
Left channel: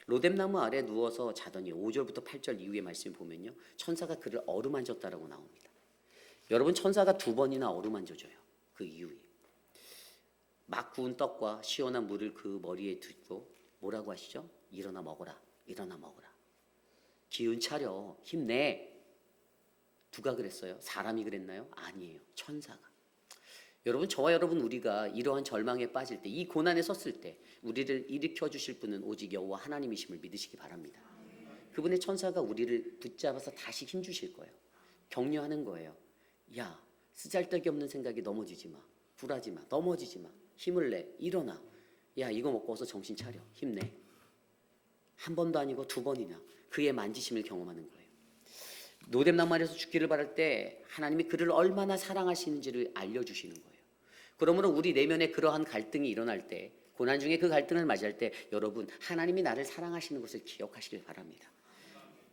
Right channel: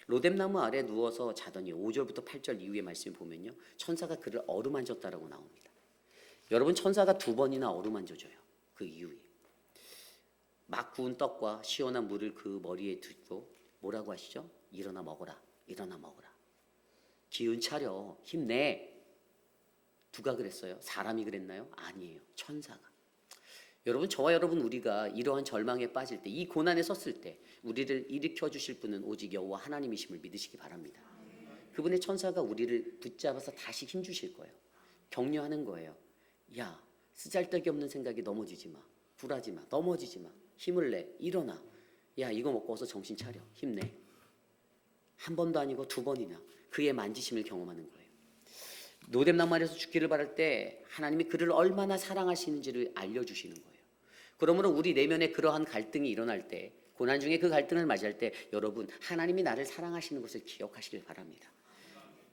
로뎀나무 아래 누워서 자더니 5절부터 8절 이후의 말씀 보면요, 천사가 그를 어루만졌다라고 나옵니다. 여러분 천사가 2번이나 어루만져줘요. 그 이후에 막 구운 떡과 시원한 물을 그 머리에 두고 뭐라고 하시죠? 일어나 먹어라, 일어나 먹어라. 기운 차려, 힘내. 누가 그랬어요? 사람이 그랬나요? 아니에요. 천사가. 여러분 저와 여러분 우리가 이러한 절망에 빠질 때, 이 고난에 섰을 때 우리를 일으켜 주실 분은 오직 여호와 하나님이심을 믿으시기 바랍니다. 그분의 천사가 우리를 붙잡아서 다시 힘 주실 거예요. 격려하는 거예요. 야, 쓰잘데기 없는 생각이 넘어지지 마. 굴하지 마. 넘어지지 마. 힘을 내. 일어나. 야, 이거 먹고 어서 정신 차려. 힘내. 한 번도 아니고 2번이나 그의 만지심을 경험하는 거예요. 로뎀나무 아래서 죽기를 바랄 때 하나님이 그를 얼마나 사랑하시는지를 알려주시는 거예요. 그러므로 우리 내면에 그러한 갈등이 일어날 때, 고난 중에 그 갈등을 맞이할 때 여러분 하나님이 나를 사랑하시는 것을 기억하시길 바랍니다.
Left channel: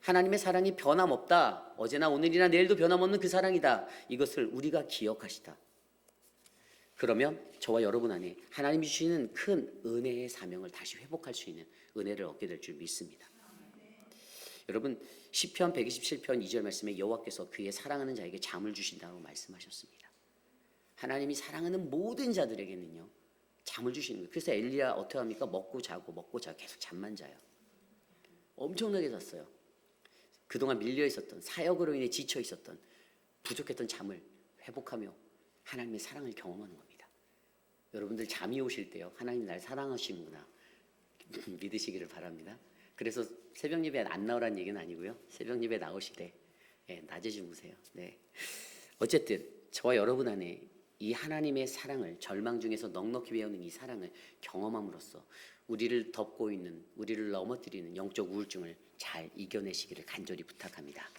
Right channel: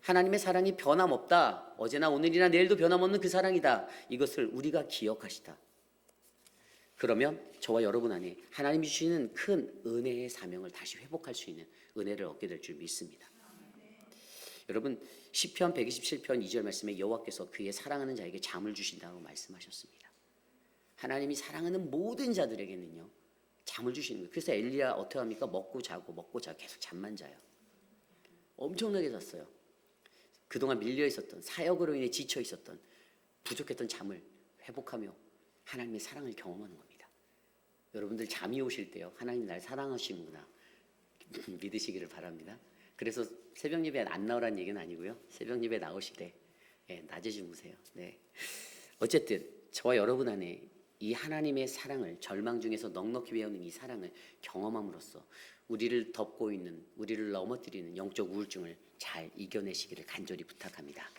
하나님의 사랑이 변함없다. 어제나 오늘이나 내일도 변함없는 그 사랑이다. 이것을 우리가 기억하시다. 그러면 저와 여러분 안에 하나님이 주시는 큰 은혜의 사명을 다시 회복할 수 있는 은혜를 얻게 될 줄 믿습니다. 여러분 시편 127편 2절 말씀에 여호와께서 그의 사랑하는 자에게 잠을 주신다고 말씀하셨습니다. 하나님이 사랑하는 모든 자들에게는요 잠을 주시는 거예요. 그래서 엘리야 어떻게 합니까? 먹고 자고 계속 잠만 자요. 엄청나게 잤어요. 그동안 밀려 있었던, 사역으로 인해 지쳐 있었던, 부족했던 잠을 회복하며 하나님의 사랑을 경험하는 겁니다. 여러분들 잠이 오실 때요 하나님 날 사랑하시는구나 믿으시기를 바랍니다. 그래서 새벽 예배 안 나오라는 얘기는 아니고요. 새벽 예배 나오실 때 낮에 주무세요. 네. 어쨌든 저와 여러분 안에 이 하나님의 사랑을, 절망 중에서 넉넉히 배우는 이 사랑을 경험함으로써 우리를 덮고 있는, 우리를 넘어뜨리는 영적 우울증을 잘 이겨내시기를 간절히 부탁합니다.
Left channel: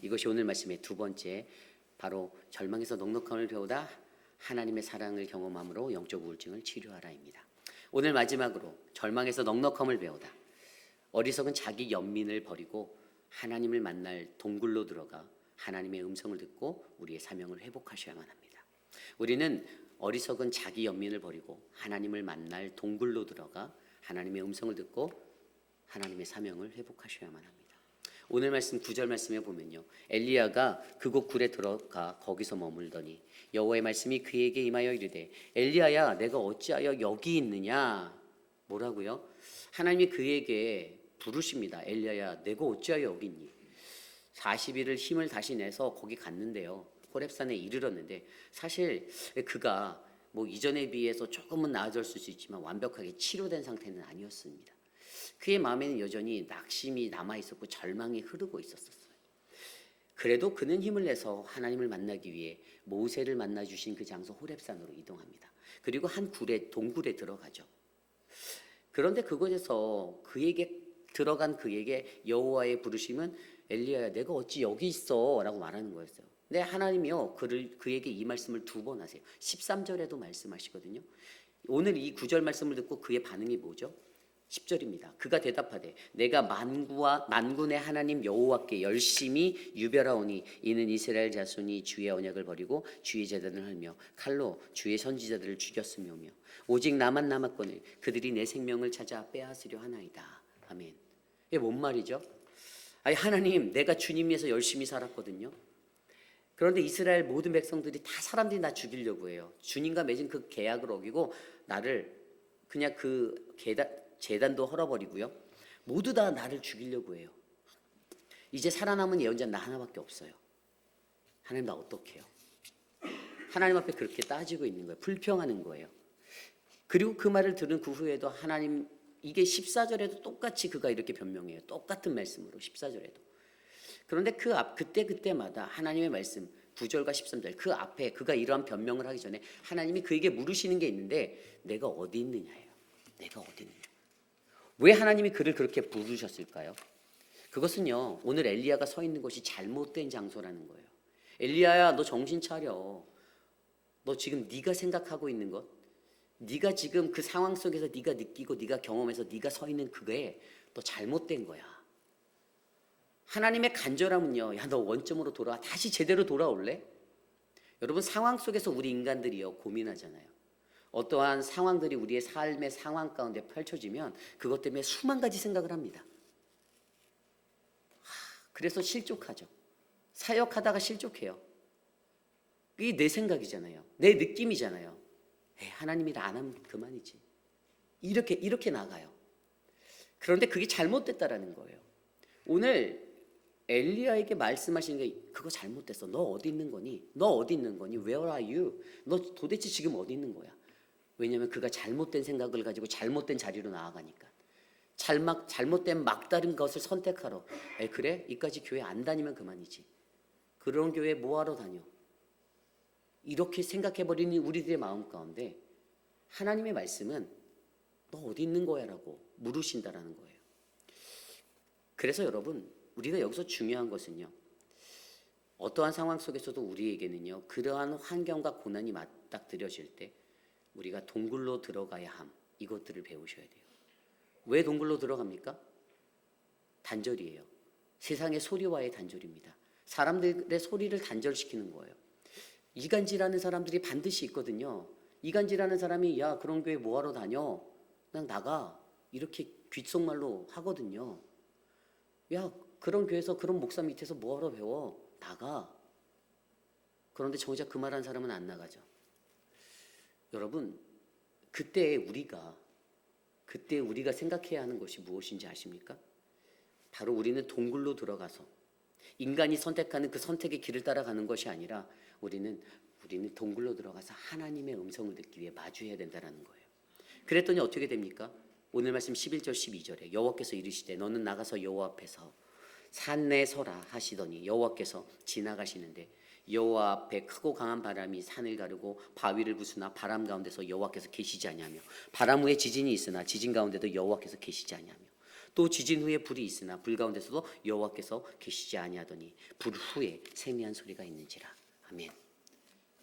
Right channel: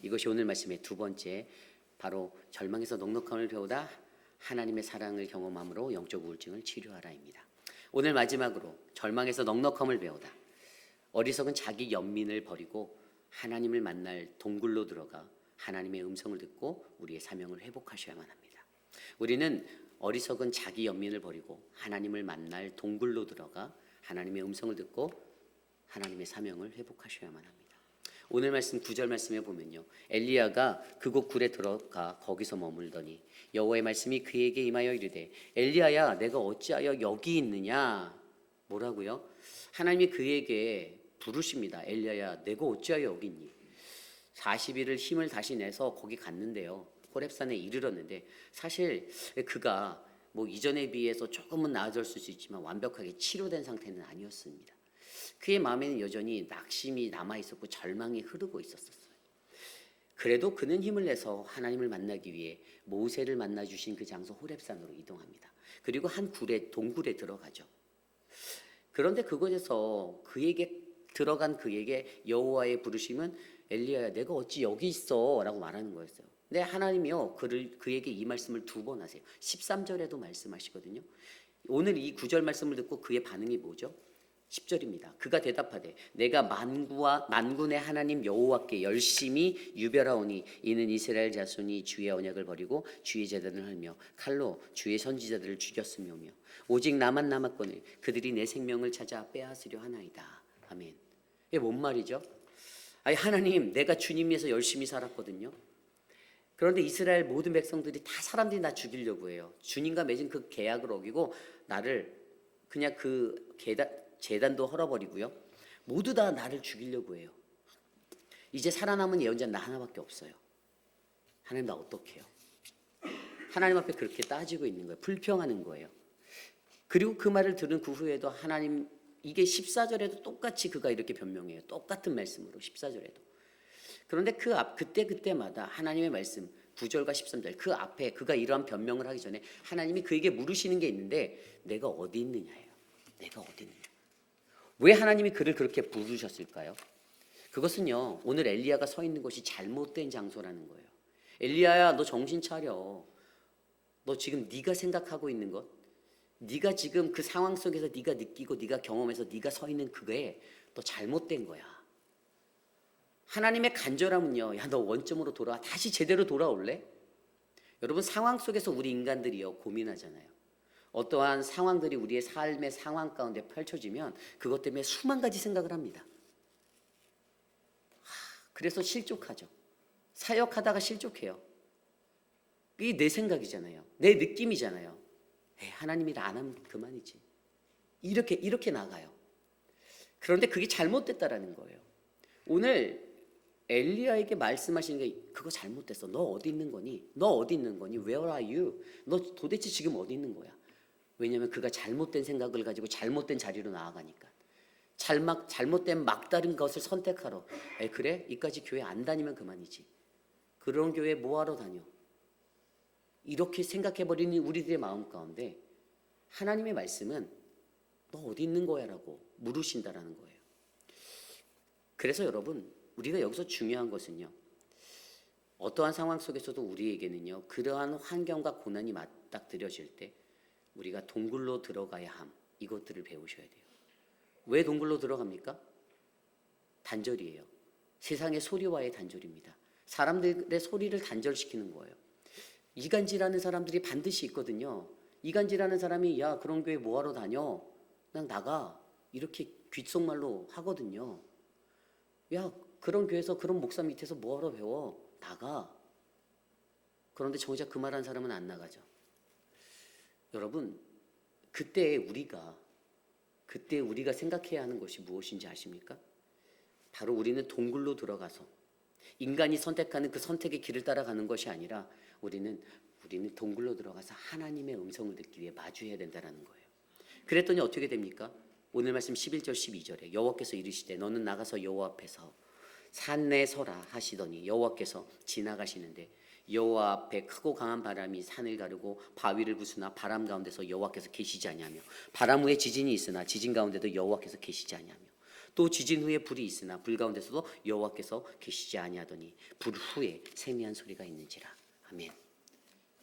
이것이 오늘 말씀의 2번째, 바로 절망에서 넉넉함을 배우다 하나님의 사랑을 경험함으로 영적 우울증을 치료하라입니다. 오늘 마지막으로 절망에서 넉넉함을 배우다 어리석은 자기 연민을 버리고 하나님을 만날 동굴로 들어가 하나님의 음성을 듣고 우리의 사명을 회복하셔야만 합니다. 우리는 어리석은 자기 연민을 버리고 하나님을 만날 동굴로 들어가 하나님의 음성을 듣고 하나님의 사명을 회복하셔야만 합니다. 오늘 말씀 9절 말씀에 보면요, 엘리야가 그곳 굴에 들어가 거기서 머물더니 여호와의 말씀이 그에게 임하여 이르되 엘리야야 내가 어찌하여 여기 있느냐. 뭐라고요? 하나님이 그에게 부르십니다. 엘리야야 내가 어찌하여 여기 있니? 40일을 힘을 다시 내서 거기 갔는데요, 호렙산에 이르렀는데 사실 그가 뭐 이전에 비해서 조금은 나아졌을 수 있지만 완벽하게 치료된 상태는 아니었습니다. 그의 마음에는 여전히 낙심이 남아있었고 절망이 흐르고 있었어요. 그래도 그는 힘을 내서 하나님을 만나기 위해 모세를 만나주신 그 장소 호렙산으로 이동합니다. 그리고 한 동굴에 들어가죠. 그런데 그곳에서 들어간 그에게 여호와의 부르심은 엘리야야 내가 어찌 여기 있어 라고 말하는 거였어요. 네, 하나님이요 그에게 이 말씀을 2번 하세요. 13절에도 말씀하시거든요. 오늘 이 9절 말씀을 듣고 그의 반응이 뭐죠? 10절입니다. 그가 대답하되 내가 만군의 하나님 여호와께 열심히 유별하오니 이는 이스라엘 자손이 주의 언약을 버리고 주의 제단을 헐며 칼로 주의 선지자들을 죽였으며며 오직 나만 남았거늘 그들이 내 생명을 찾아 빼앗으려 하나이다. 아멘. 이게 뭔 말이죠? 아니 하나님 내가 주님 위해서 열심히 살았거든요. 그런데 이스라엘 모든 백성들이 다 사람들이 나 죽이려고 해요. 주님과 맺은 그 계약을 어기고 나를 그냥 그 제단도 헐어버리고요. 모두 다 나를 죽이려고 해요. 이제 살아남은 예언자는 나 하나밖에 없어요. 하나님 나 어떡해요? 하나님 앞에 그렇게 따지고 있는 거예요. 불평하는 거예요. 그리고 그 말을 들은 그 후에도 하나님, 이게 14절에도 똑같이 그가 이렇게 변명해요. 똑같은 말씀으로 14절에도. 그런데 그때마다 하나님의 말씀 9절과 13절 그 앞에 그가 이러한 변명을 하기 전에 하나님이 그에게 물으시는 게 있는데 내가 어디 있느냐예요. 내가 어디 있느냐. 왜 하나님이 그를 그렇게 부르셨을까요? 그것은요, 오늘 엘리야가 서 있는 곳이 잘못된 장소라는 거예요. 엘리야야 너 정신 차려. 너 지금 네가 생각하고 있는 것, 네가 지금 그 상황 속에서 네가 느끼고 네가 경험해서 네가 서 있는 그게 너 잘못된 거야. 하나님의 간절함은요, 야, 너 원점으로 돌아와. 다시 제대로 돌아올래? 여러분, 상황 속에서 우리 인간들이요, 고민하잖아요. 어떠한 상황들이 우리의 삶의 상황 가운데 펼쳐지면 그것 때문에 수만 가지 생각을 합니다. 그래서 실족하죠. 사역하다가 실족해요. 이게 내 생각이잖아요. 내 느낌이잖아요. 에이, 하나님이 일 안 하면 그만이지. 이렇게 나가요. 그런데 그게 잘못됐다라는 거예요. 오늘 엘리야에게 말씀하시는 게 그거 잘못됐어. 너 어디 있는 거니? 너 어디 있는 거니? Where are you? 너 도대체 지금 어디 있는 거야? 왜냐하면 그가 잘못된 생각을 가지고 잘못된 자리로 나아가니까. 잘못된 막다른 것을 선택하러. 그래? 이까지 교회 안 다니면 그만이지. 그런 교회 뭐하러 다녀? 이렇게 생각해버리는 우리들의 마음 가운데 하나님의 말씀은 너 어디 있는 거야? 라고 물으신다라는 거예요. 그래서 여러분, 우리가 여기서 중요한 것은요, 어떠한 상황 속에서도 우리에게는요, 그러한 환경과 고난이 맞닥뜨려질 때 우리가 동굴로 들어가야 함, 이것들을 배우셔야 돼요. 왜 동굴로 들어갑니까? 단절이에요. 세상의 소리와의 단절입니다. 사람들의 소리를 단절시키는 거예요. 이간질하는 사람들이 반드시 있거든요. 이간질하는 사람이 야, 그런 교회 뭐하러 다녀? 그냥 나가. 이렇게 귓속말로 하거든요. 야, 그런 교회에서 그런 목사 밑에서 뭐하러 배워? 나가. 그런데 정작 그 말한 사람은 안 나가죠. 여러분, 그때 우리가 생각해야 하는 것이 무엇인지 아십니까? 바로 우리는 동굴로 들어가서 인간이 선택하는 그 선택의 길을 따라가는 것이 아니라 우리는 동굴로 들어가서 하나님의 음성을 듣기 위해 마주해야 된다는 거예요. 그랬더니 어떻게 됩니까? 오늘 말씀 11절 12절에 여호와께서 이르시되 너는 나가서 여호와 앞에서 산내에 서라 하시더니 여호와께서 지나가시는데 여호와 앞에 크고 강한 바람이 산을 가르고 바위를 부수나 바람 가운데서 여호와께서 계시지 아니하며 바람 후에 지진이 있으나 지진 가운데도 여호와께서 계시지 아니하며 또 지진 후에 불이 있으나 불 가운데서도 여호와께서 계시지 아니하더니 불 후에 세미한 소리가 있는지라. 아멘.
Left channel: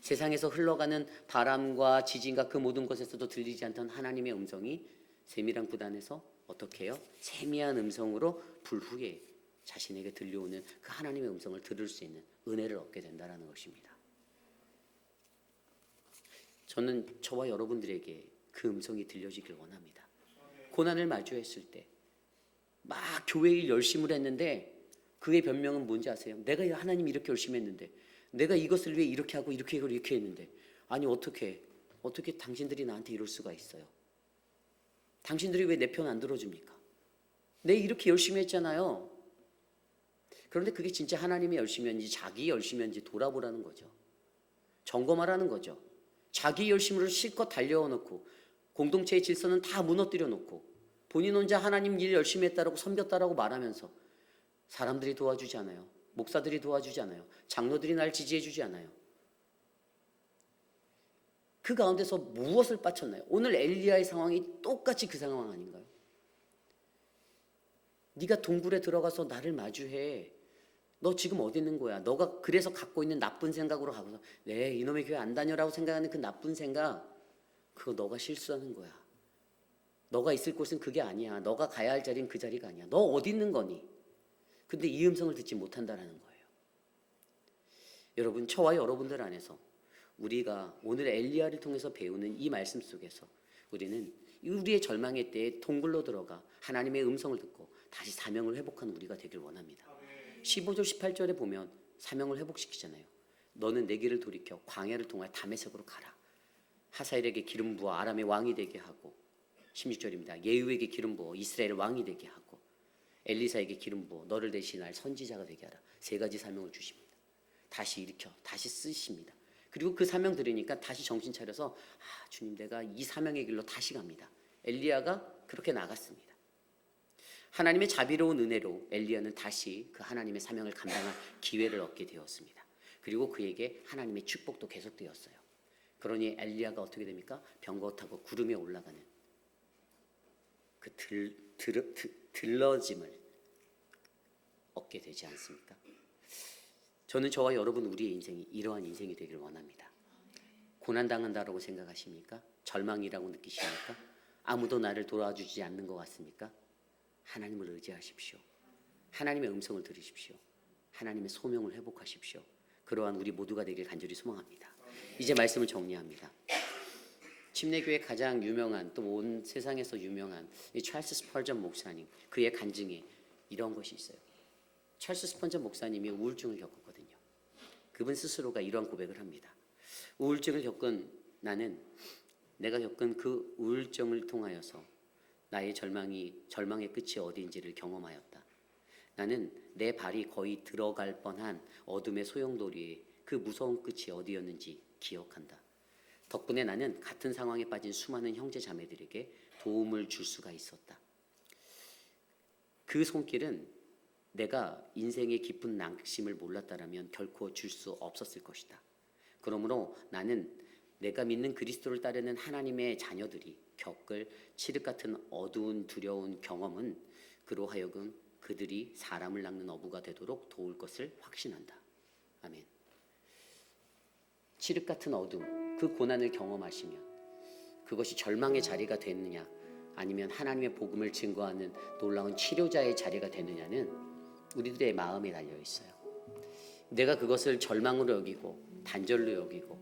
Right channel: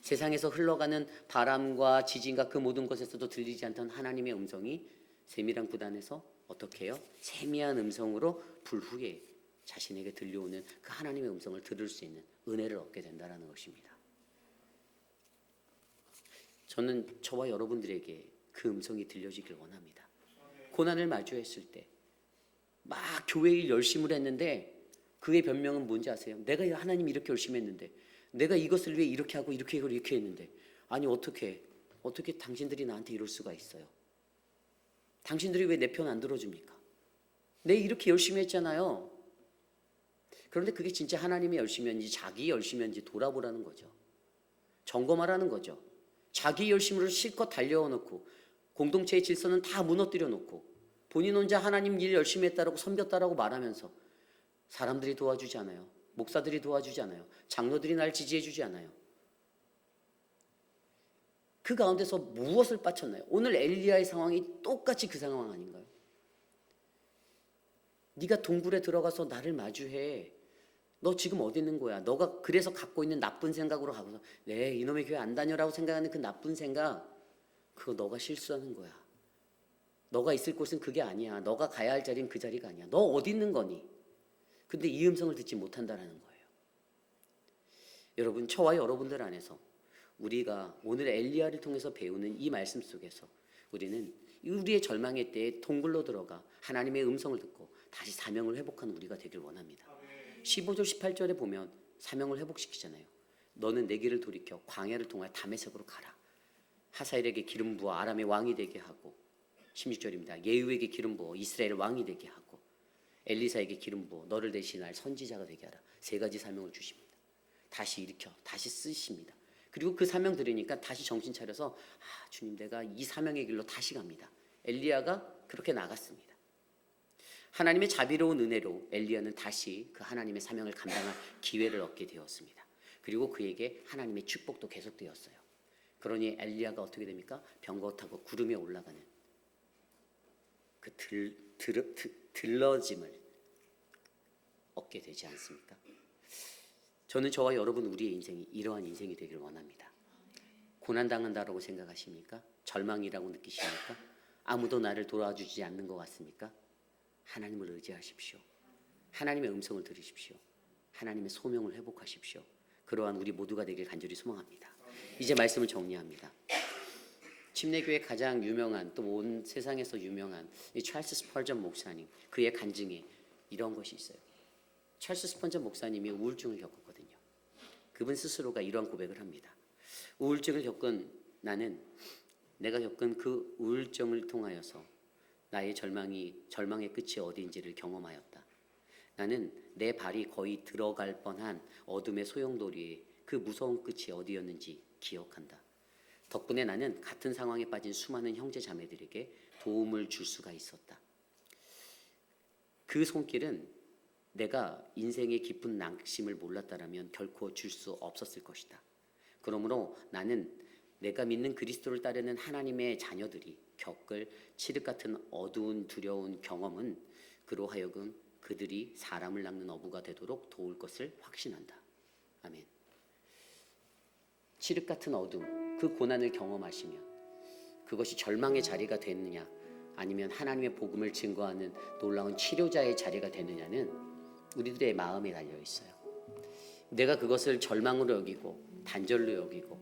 세상에서 흘러가는 바람과 지진과 그 모든 것에서도 들리지 않던 하나님의 음성이 세미랑 불 안에서 어떻게 해요? 세미한 음성으로 불 후에 자신에게 들려오는 그 하나님의 음성을 들을 수 있는 은혜를 얻게 된다는 것입니다. 저는 저와 여러분들에게 그 음성이 들려지길 원합니다. 고난을 마주했을 때 막 교회 일 열심히 했는데 그의 변명은 뭔지 아세요? 내가 하나님 이렇게 열심히 했는데 내가 이것을 위해 이렇게 하고 이렇게 했는데 아니 어떻게 당신들이 나한테 이럴 수가 있어요? 당신들이 왜 내 편 안 들어줍니까? 내 이렇게 열심히 했잖아요. 그런데 그게 진짜 하나님의 열심이었는지 자기 열심이었는지 돌아보라는 거죠. 점검하라는 거죠. 자기 열심으로 실컷 달려놓고 공동체의 질서는 다 무너뜨려 놓고 본인 혼자 하나님 일 열심히 했다라고 섬겼다라고 말하면서 사람들이 도와주지 않아요. 목사들이 도와주지 않아요. 장로들이 날 지지해 주지 않아요. 그 가운데서 무엇을 빠쳤나요? 오늘 엘리야의 상황이 똑같이 그 상황 아닌가요? 네가 동굴에 들어가서 나를 마주해. 너 지금 어디 있는 거야? 너가 그래서 갖고 있는 나쁜 생각으로 가고서 네, 이놈의 교회 안 다녀라고 생각하는 그 나쁜 생각, 그거 너가 실수하는 거야. 너가 있을 곳은 그게 아니야. 너가 가야 할 자리는 그 자리가 아니야. 너 어디 있는 거니? 근데 이 음성을 듣지 못한다는 거예요. 여러분, 저와 여러분들 안에서 우리가 오늘 엘리야를 통해서 배우는 이 말씀 속에서 우리는 우리의 절망의 때에 동굴로 들어가 하나님의 음성을 듣고 다시 사명을 회복하는 우리가 되길 원합니다. 15절 18절에 보면 사명을 회복시키잖아요. 너는 내 길을 돌이켜 광야를 통하여 다메섹으로 가라. 하사엘에게 기름 부어 아람의 왕이 되게 하고 16절입니다. 예후에게 기름 부어 이스라엘 왕이 되게 하고 엘리사에게 기름 부어 너를 대신할 선지자가 되게 하라. 세 가지 사명을 주십니다. 다시 일으켜 다시 쓰십니다. 그리고 그 사명 들으니까 다시 정신 차려서 주님 내가 이 사명의 길로 다시 갑니다. 엘리야가 그렇게 나갔습니다. 하나님의 자비로운 은혜로 엘리야는 다시 그 하나님의 사명을 감당할 기회를 얻게 되었습니다. 그리고 그에게 하나님의 축복도 계속되었어요. 그러니 엘리야가 어떻게 됩니까? 병거 타고 구름에 올라가는 그 들러짐을 얻게 되지 않습니까? 저는 저와 여러분 우리의 인생이 이러한 인생이 되길 원합니다. 고난당한다라고 생각하십니까? 절망이라고 느끼십니까? 아무도 나를 도와주지 않는 것 같습니까? 하나님을 의지하십시오. 하나님의 음성을 들으십시오. 하나님의 소명을 회복하십시오. 그러한 우리 모두가 되길 간절히 소망합니다. 이제 말씀을 정리합니다. 침례교회 가장 유명한, 또 온 세상에서 유명한 이 찰스 스펄전 목사님, 그의 간증에 이런 것이 있어요. 찰스 스펄전 목사님이 우울증을 겪었거든요. 그분 스스로가 이런 고백을 합니다. 우울증을 겪은 나는 내가 겪은 그 우울증을 통하여서 나의 절망의 끝이 어디인지를 경험하였다. 나는 내 발이 거의 들어갈 뻔한 어둠의 소용돌이에 그 무서운 끝이 어디였는지 기억한다. 덕분에 나는 같은 상황에 빠진 수많은 형제 자매들에게 도움을 줄 수가 있었다. 그 손길은 내가 인생의 깊은 낙심을 몰랐다라면 결코 줄 수 없었을 것이다. 그러므로 나는 내가 믿는 그리스도를 따르는 하나님의 자녀들이 겪을 칠흑 같은 어두운 두려운 경험은 그로 하여금 그들이 사람을 낚는 어부가 되도록 도울 것을 확신한다. 아멘. 칠흑 같은 어둠, 그 고난을 경험하시면 그것이 절망의 자리가 되느냐 아니면 하나님의 복음을 증거하는 놀라운 치료자의 자리가 되느냐는 우리들의 마음에 달려 있어요. 내가 그것을 절망으로 여기고 단절로 여기고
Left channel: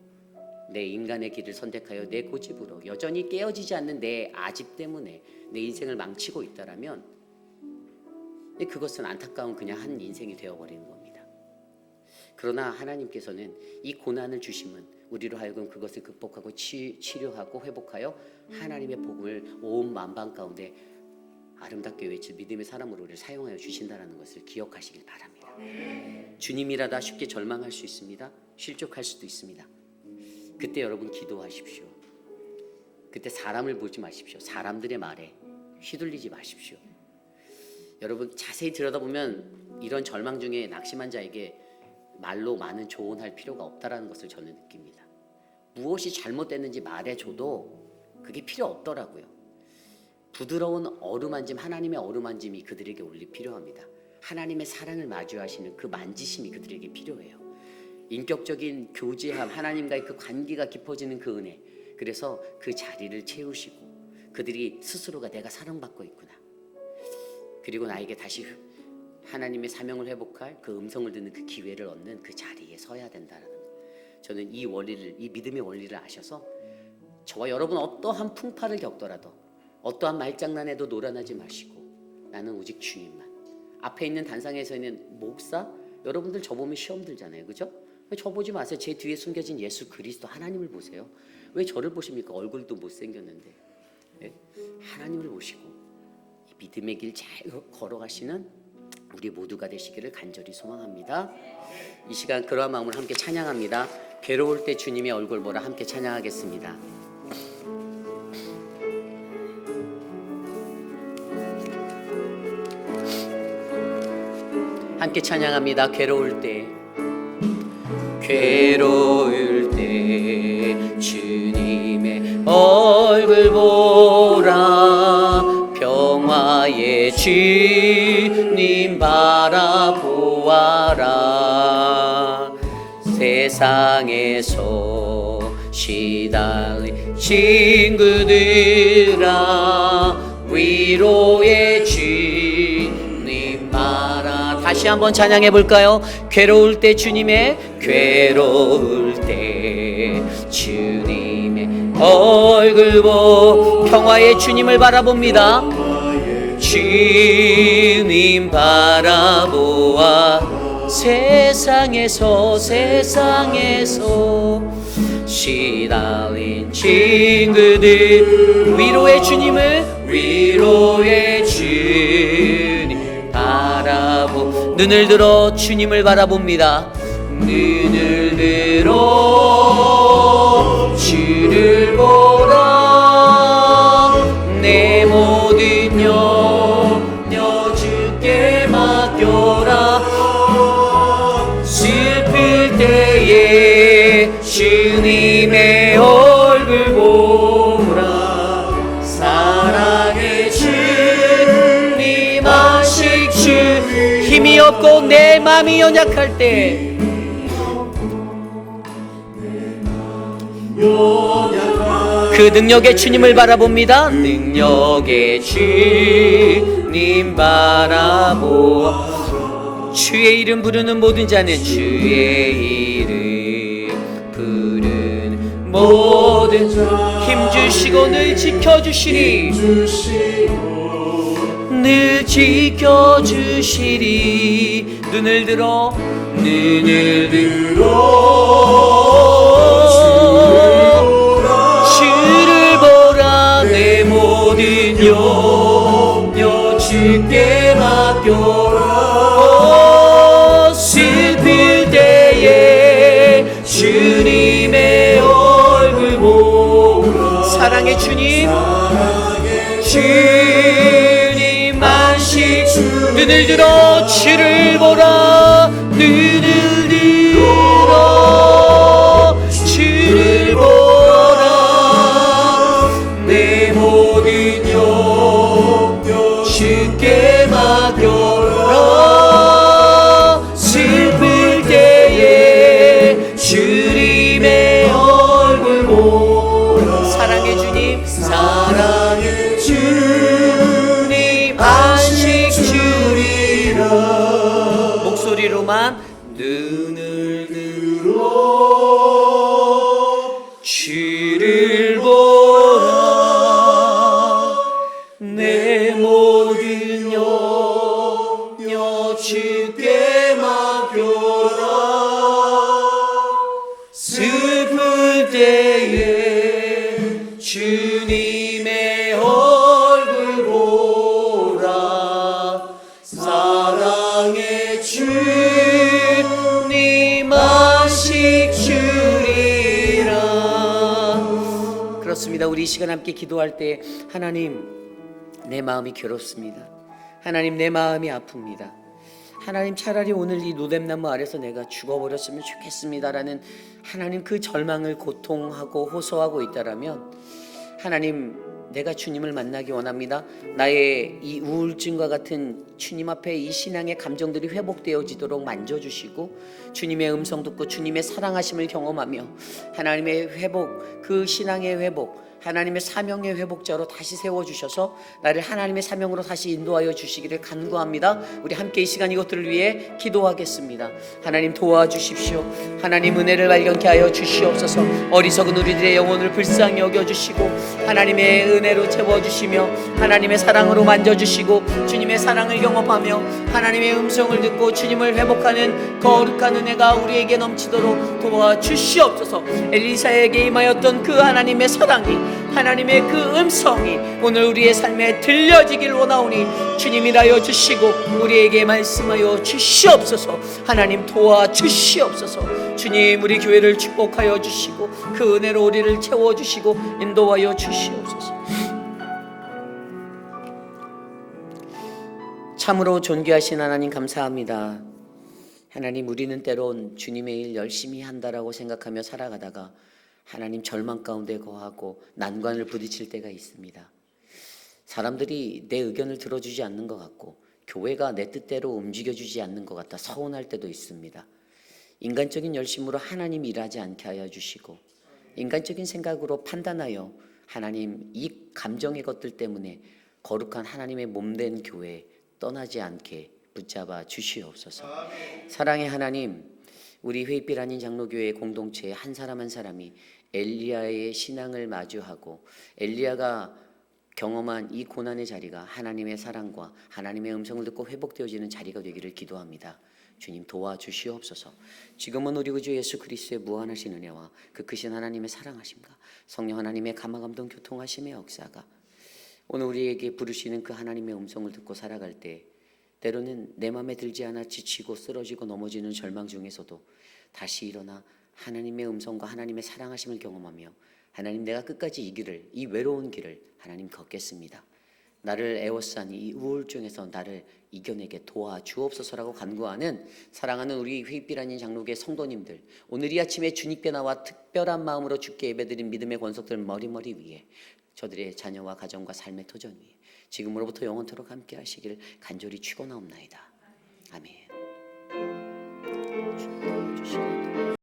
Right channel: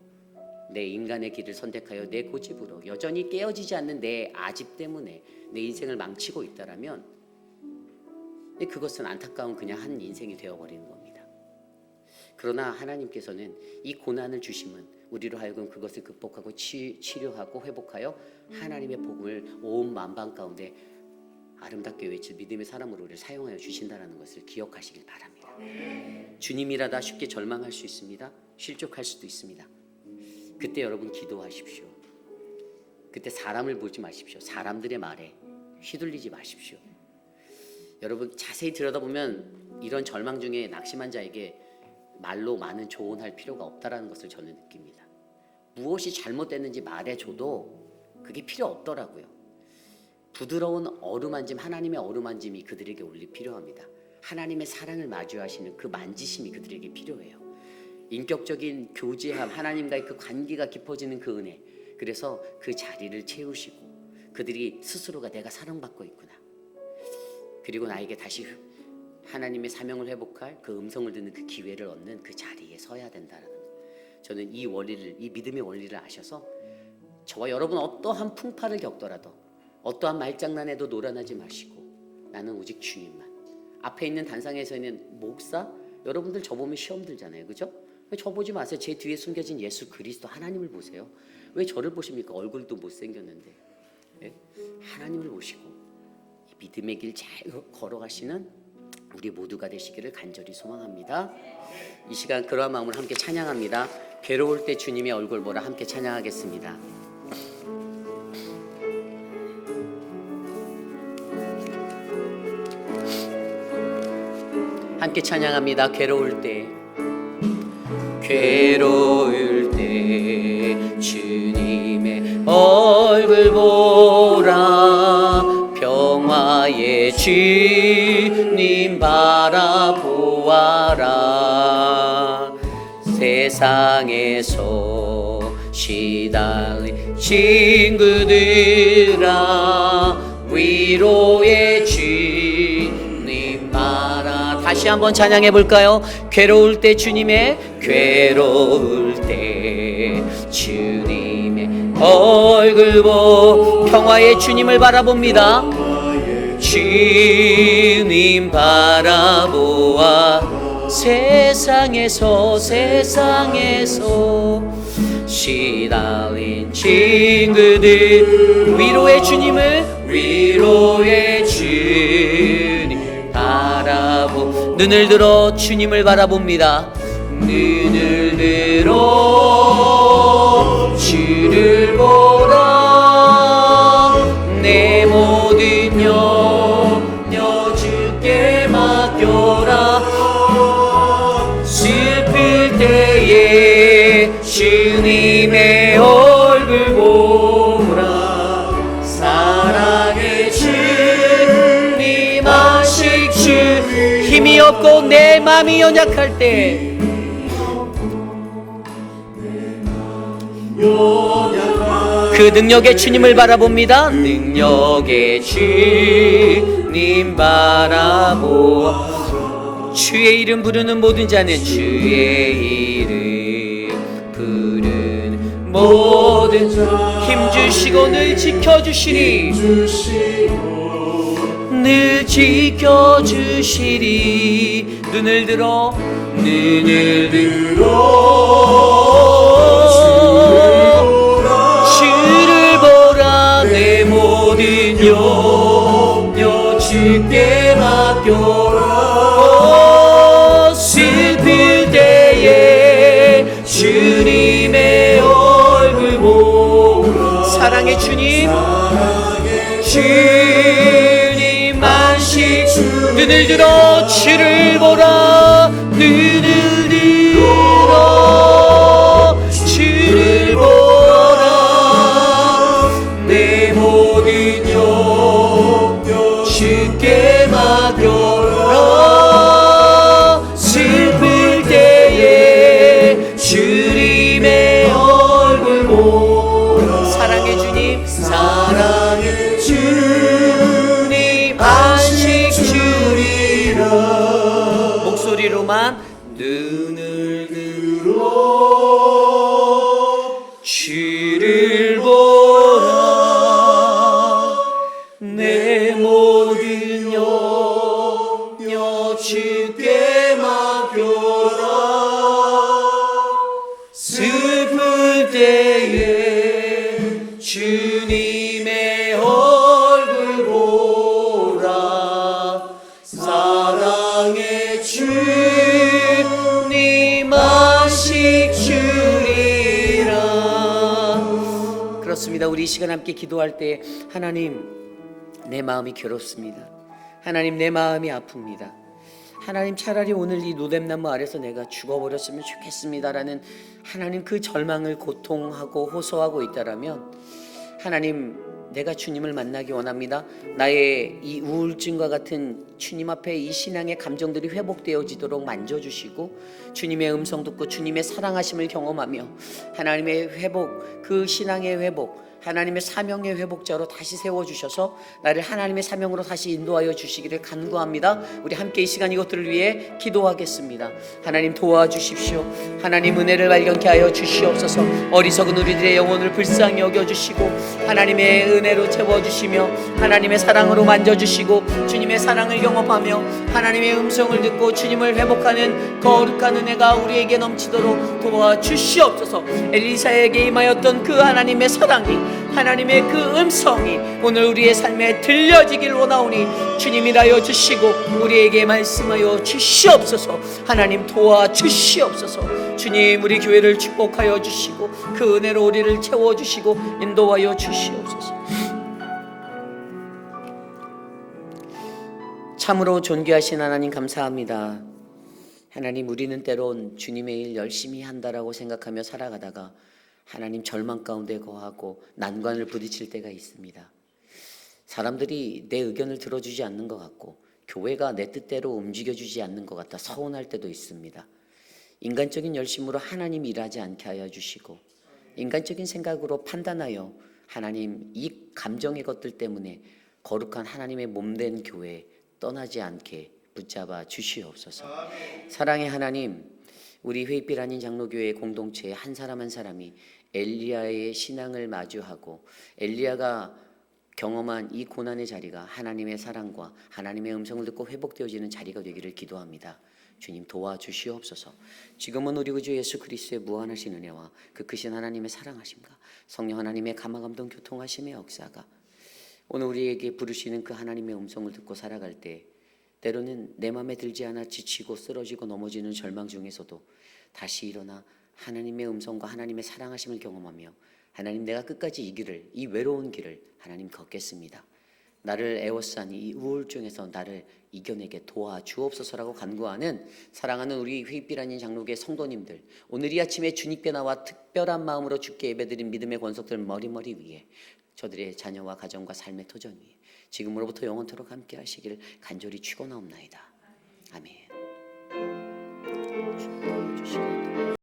내 인간의 길을 선택하여 내 고집으로 여전히 깨어지지 않는 내 아집 때문에 내 인생을 망치고 있다라면 그것은 안타까운 그냥 한 인생이 되어버리는 겁니다. 그러나 하나님께서는 이 고난을 주심은 우리로 하여금 그것을 극복하고 치료하고 회복하여 하나님의 복음을 온 만방 가운데 아름답게 외칠 믿음의 사람으로 우리를 사용하여 주신다는 것을 기억하시길 바랍니다. 주님이라다 쉽게 절망할 수 있습니다. 실족할 수도 있습니다. 그때 여러분 기도하십시오. 그때 사람을 보지 마십시오. 사람들의 말에 휘둘리지 마십시오. 여러분 자세히 들여다보면 이런 절망 중에 낙심한 자에게 말로 많은 조언할 필요가 없다라는 것을 저는 느낍니다. 무엇이 잘못됐는지 말해줘도 그게 필요 없더라고요. 부드러운 어루만짐, 하나님의 어루만짐이 그들에게 원래 필요합니다. 하나님의 사랑을 마주하시는 그 만지심이 그들에게 필요해요. 인격적인 교제함, 하나님과의 그 관계가 깊어지는 그 은혜, 그래서 그 자리를 채우시고 그들이 스스로가 내가 사랑받고 있구나, 그리고 나에게 다시 하나님의 사명을 회복할 그 음성을 듣는 그 기회를 얻는 그 자리에 서야 된다는, 저는 이 원리를, 이 믿음의 원리를 아셔서 저와 여러분 어떠한 풍파를 겪더라도 어떠한 말장난에도 놀아나지 마시고 나는 오직 주님만. 앞에 있는 단상에서 있는 목사, 여러분들 저 보면 시험 들잖아요, 그죠? 왜 저 보지 마세요. 제 뒤에 숨겨진 예수 그리스도 하나님을 보세요. 왜 저를 보십니까? 얼굴도 못생겼는데. 네? 하나님을 보시고 이 믿음의 길 잘 걸어가시는 우리 모두가 되시기를 간절히 소망합니다. 이 시간 그러한 마음을 함께 찬양합니다. 괴로울 때 주님의 얼굴 보라 함께 찬양하겠습니다. 함께 찬양합니다. 괴로울 때 주님의 얼굴 보라, 평화의 주님 바라보아라. 세상에서 시달린 친구들아, 위로의 주님 바라. 다시 한번 찬양해 볼까요? 괴로울 때 주님의 주님의 얼굴 보, 평화의 주님을 바라봅니다. 주님 바라보아 세상에서 시달린 친구들, 위로의 주님 바라보, 눈을 들어 주님을 바라봅니다. 눈을 들어 주를 보라, 내 모든 염려 주께 맡겨라. 슬플 때에 주님의 얼굴 보라, 사랑의 주님 아실 주, 힘이 없고 내 맘이 연약할 때 그 능력의 주님을 바라봅니다. 능력의 주님 바라보아 주의 이름 부르는 모든 자는 주의 이름 부르는 모든 자 힘주시고 늘 지켜주시니 늘 지켜주시리 눈을 들어 주를 보라 내 모든 염려 주께 맡겨라 슬플 때에 주님의 얼굴 보라 사랑의 주님 주님 안식 눈을 들어 주를 보라 눈을 들어 주를 보라 내 모든 염려 주께 맡겨라 슬플 때에 주님의 얼굴 보라 사랑의 주님 사랑의 주님 안식 주리라 목소리로만 눈을 들어 주를 보라 내 모든 염려 주께 맡겨라 슬플 때에 주님의 얼굴 보라 사랑의 주님 안식 주리라 그렇습니다. 우리 이 시간 함께 기도할 때 하나님 내 마음이 괴롭습니다. 하나님 내 마음이 아픕니다. 하나님 차라리 오늘 이 노뎀나무 아래서 내가 죽어버렸으면 좋겠습니다라는 하나님 그 절망을 고통하고 호소하고 있다라면 하나님 내가 주님을 만나기 원합니다. 나의 이 우울증과 같은 주님 앞에 이 신앙의 감정들이 회복되어지도록 만져주시고 주님의 음성 듣고 주님의 사랑하심을 경험하며 하나님의 회복 그 신앙의 회복 하나님의 사명의 회복자로 다시 세워주셔서 나를 하나님의 사명으로 다시 인도하여 주시기를 간구합니다. 우리 함께 이 시간 이것들을 위해 기도하겠습니다. 하나님 도와주십시오. 하나님 은혜를 발견케 하여 주시옵소서. 어리석은 우리들의 영혼을 불쌍히 여겨주시고 하나님의 은혜로 채워주시며 하나님의 사랑으로 만져주시고 주님의 사랑을 경험하며 하나님의 음성을 듣고 주님을 회복하는 거룩한 은혜가 우리에게 넘치도록 도와주시옵소서. 엘리사에게 임하였던 그 하나님의 사랑이 하나님의 그 음성이 오늘 우리의 삶에 들려지길 원하오니 주님이라여 주시고 우리에게 말씀하여 주시옵소서. 하나님 도와주시옵소서. 주님 우리 교회를 축복하여 주시고 그 은혜로 우리를 채워주시고 인도하여 주시옵소서. 참으로 존귀하신 하나님 감사합니다. 하나님 우리는 때론 주님의 일 열심히 한다라고 생각하며 살아가다가 하나님 절망 가운데 거하고 난관을 부딪힐 때가 있습니다. 사람들이 내 의견을 들어주지 않는 것 같고 교회가 내 뜻대로 움직여주지 않는 것 같아 서운할 때도 있습니다. 인간적인 열심으로 하나님 일하지 않게 하여 주시고 인간적인 생각으로 판단하여 하나님 이 감정의 것들 때문에 거룩한 하나님의 몸된 교회 떠나지 않게 붙잡아 주시옵소서. 사랑의 하나님 우리 회빛 아닌 장로교회 공동체의 한 사람 한 사람이 엘리야의 신앙을 마주하고 엘리야가 경험한 이 고난의 자리가 하나님의 사랑과 하나님의 음성을 듣고 회복되어지는 자리가 되기를 기도합니다. 주님 도와주시옵소서. 지금은 우리 구주 예수 그리스도의 무한하신 은혜와 그 크신 하나님의 사랑하심과 성령 하나님의 감화감동 교통하심의 역사가 오늘 우리에게 부르시는 그 하나님의 음성을 듣고 살아갈 때 때로는 내 맘에 들지 않아 지치고 쓰러지고 넘어지는 절망 중에서도 다시 일어나 하나님의 음성과 하나님의 사랑하심을 경험하며 하나님 내가 끝까지 이 길을 이 외로운 길을 하나님 걷겠습니다. 나를 애워싼 이 우울증에서 나를 이겨내게 도와주옵소서라고 간구하는 사랑하는 우리 회빛 아닌 장로교회 성도님들 오늘 이 아침에 주님께 나와 특별한 마음으로 주께 예배드린 믿음의 권속들 머리머리 위에 저들의 자녀와 가정과 삶의 도전 위에 지금으로부터 영원토록 함께 하시길 간절히 축원하옵나이다. 아멘.